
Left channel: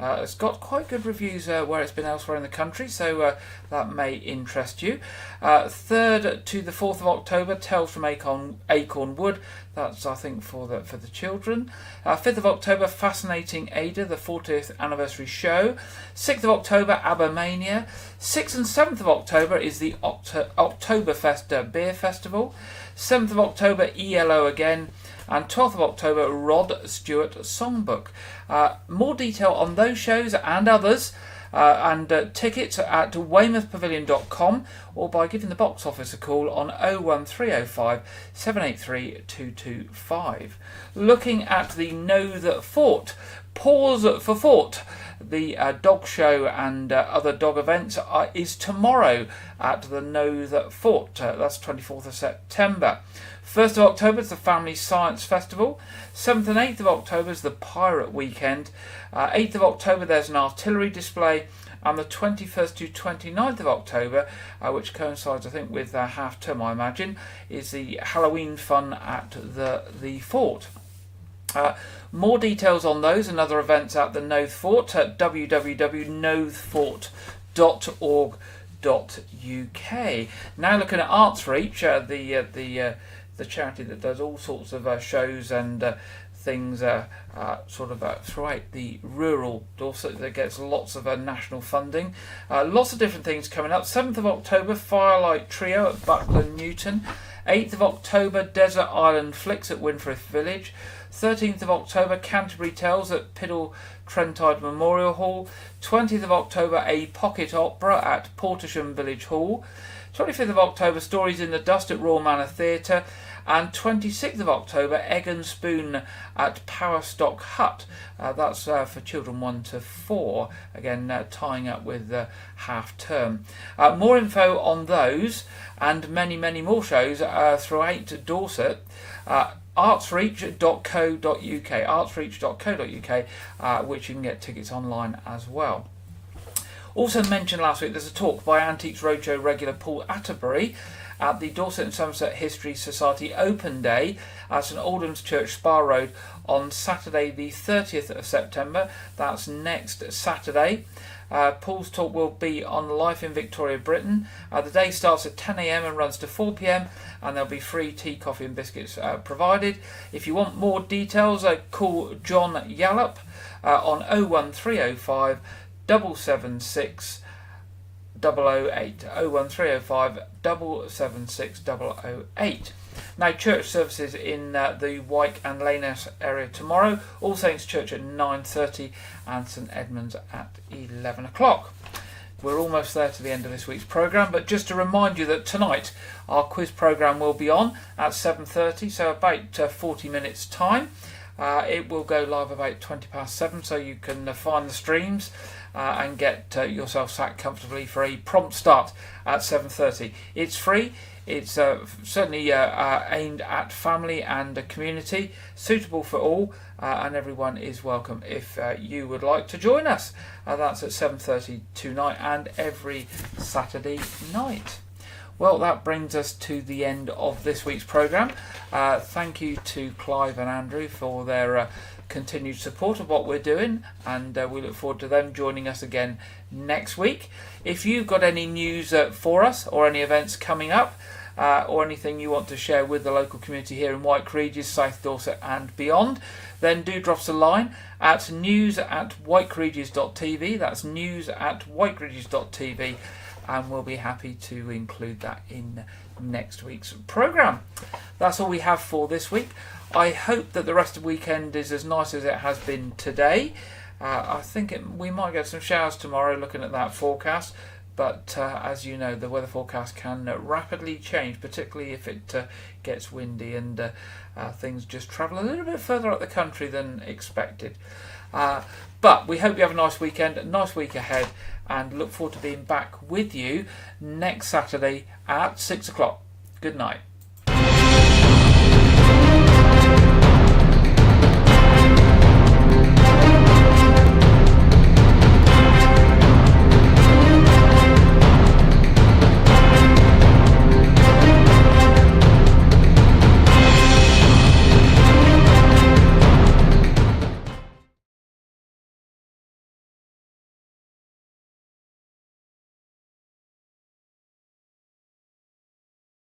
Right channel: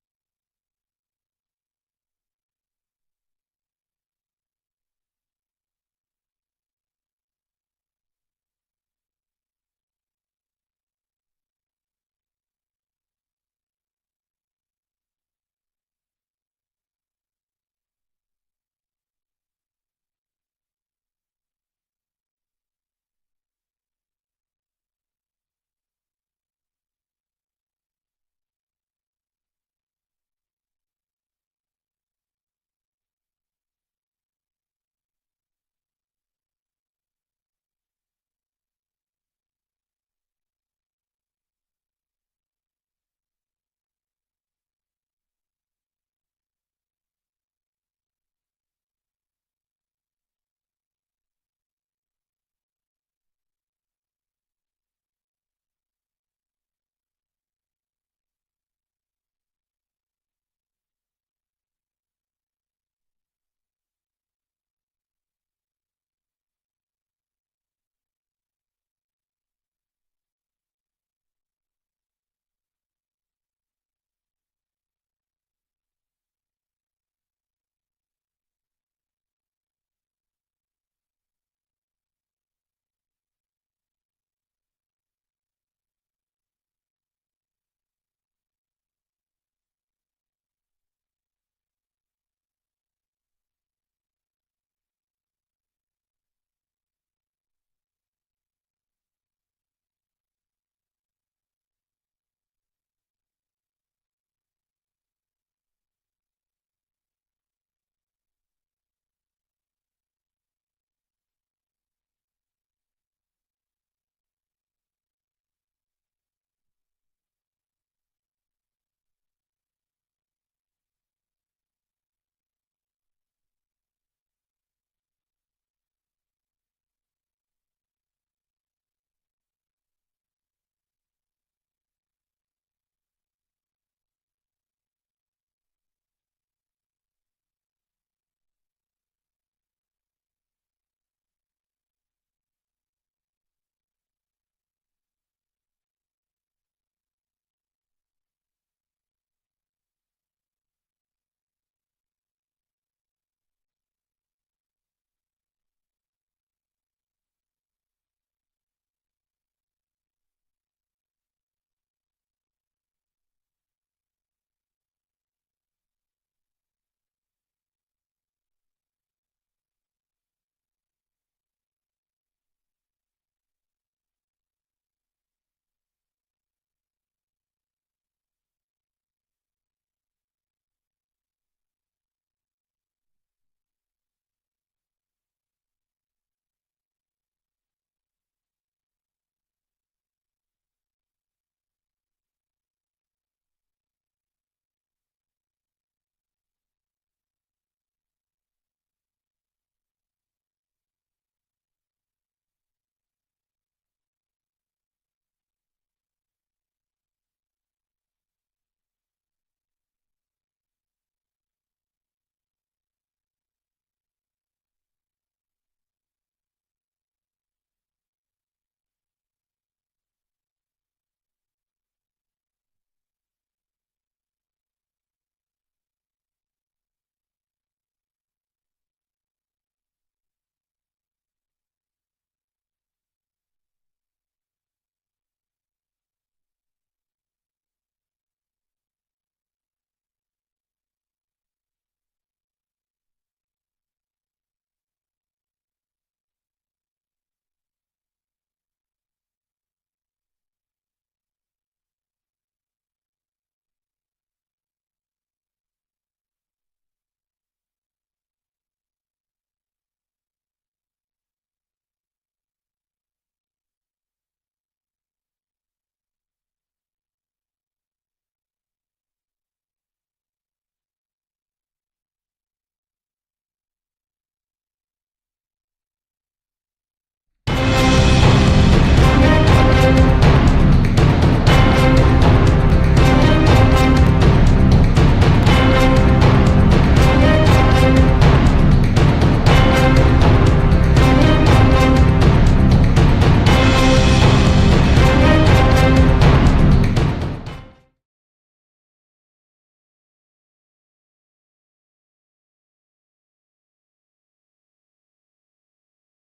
It's got quite good reviews where it's been elsewhere in the country, so that may interest you. 3rd to the 4th of October, Tales from Acorn Wood. That's, I think, for the children. 5th of October, Fascinating Ada, the 40th anniversary show. 6th of October, ABBA-mania. 6th and 7th of October is the Oktoberfest Beer Festival. 7th of October, ELO again. And 12th of October, Rod Stewart Songbook. More detail on those shows and others and tickets at weymouthpavilion.com or by giving the box office a call on 01305 783 225. Looking at the Know That Fort, Pause for Fort. The dog show and other dog events is tomorrow at the Know That Fort. That's 24th of September. 1st of October is the Family Science Festival. 7th and 8th of October is the Pirate Weekend. 8th of October there's an artillery display. and the 21st to 29th of October, which coincides, I think, with half term, I imagine, is the Halloween fun at the fort. More details on those and other events at the Noath Fort at www.noathfort.org.uk. Now looking at Arts Reach, the charity that does all sorts of shows and things throughout the rural Dorset, that gets lots of national funding. Lots of different things coming up. 7th of October, Firelight Trio at Buckland Newton. 8th of October, Desert Island Flicks at Winfrith Village. 13th of October, Canterbury Tales at Piddle Trentide Memorial Hall. 20th of October, a pocket opera at Portisham Village Hall. 25th of October, Stories in the Dust at Royal Manor Theatre. And 26th of October, Egg and Spoon at Powerstock Hut. That's for children 1 to 4, again tying up with half term. More info on those and many, many more shows throughout Dorset. artsreach.co.uk, artsreach.co.uk, which you can get tickets online as well. Also mentioned last week, there's a talk by Antiques Roadshow regular Paul Atterbury at the Dorset and Somerset History Society Open Day at St Aldham's Church, Spa Road, on Saturday the 30th of September. That's next Saturday. Paul's talk will be on life in Victoria, Britain. The day starts at 10 a.m. and runs to 4 p.m. and there'll be free tea, coffee and biscuits provided. If you want more details, call John Yallop on 01305 776 008, 01305 776 008. Now, church services in the Wyke and Laneham area tomorrow. All Saints Church at 9:30 and St Edmunds at 11 o'clock. We're almost there to the end of this week's programme, but just to remind you that tonight our quiz programme will be on at 7:30, so about 40 minutes time. It will go live about 7:20, so you can find the streams and get yourself sat comfortably for a prompt start at 7:30. It's free. It's certainly aimed at family and community, suitable for all, and everyone is welcome if you would like to join us. That's at 7:30 tonight and every Saturday night. Well, that brings us to the end of this week's programme. Thank you to Clive and Andrew for their continued support of what we're doing, and we look forward to them joining us again next week. If you've got any news for us or any events coming up, or anything you want to share with the local community here in Wyke, Regis, South Dorset and beyond, then do drop us a line at news@wykeregis.tv. That's news@wykeregis.tv, and we'll be happy to include that in next week's programme. That's all we have for this week. I hope that the rest of the weekend is as nice as it has been today. I think we might get some showers tomorrow, looking at that forecast. But as you know, the weather forecast can rapidly change, particularly if it gets windy and things just travel a little bit further up the country than expected. But we hope you have a nice weekend, a nice week ahead, and look forward to being back with you next Saturday at 6 o'clock. Good night.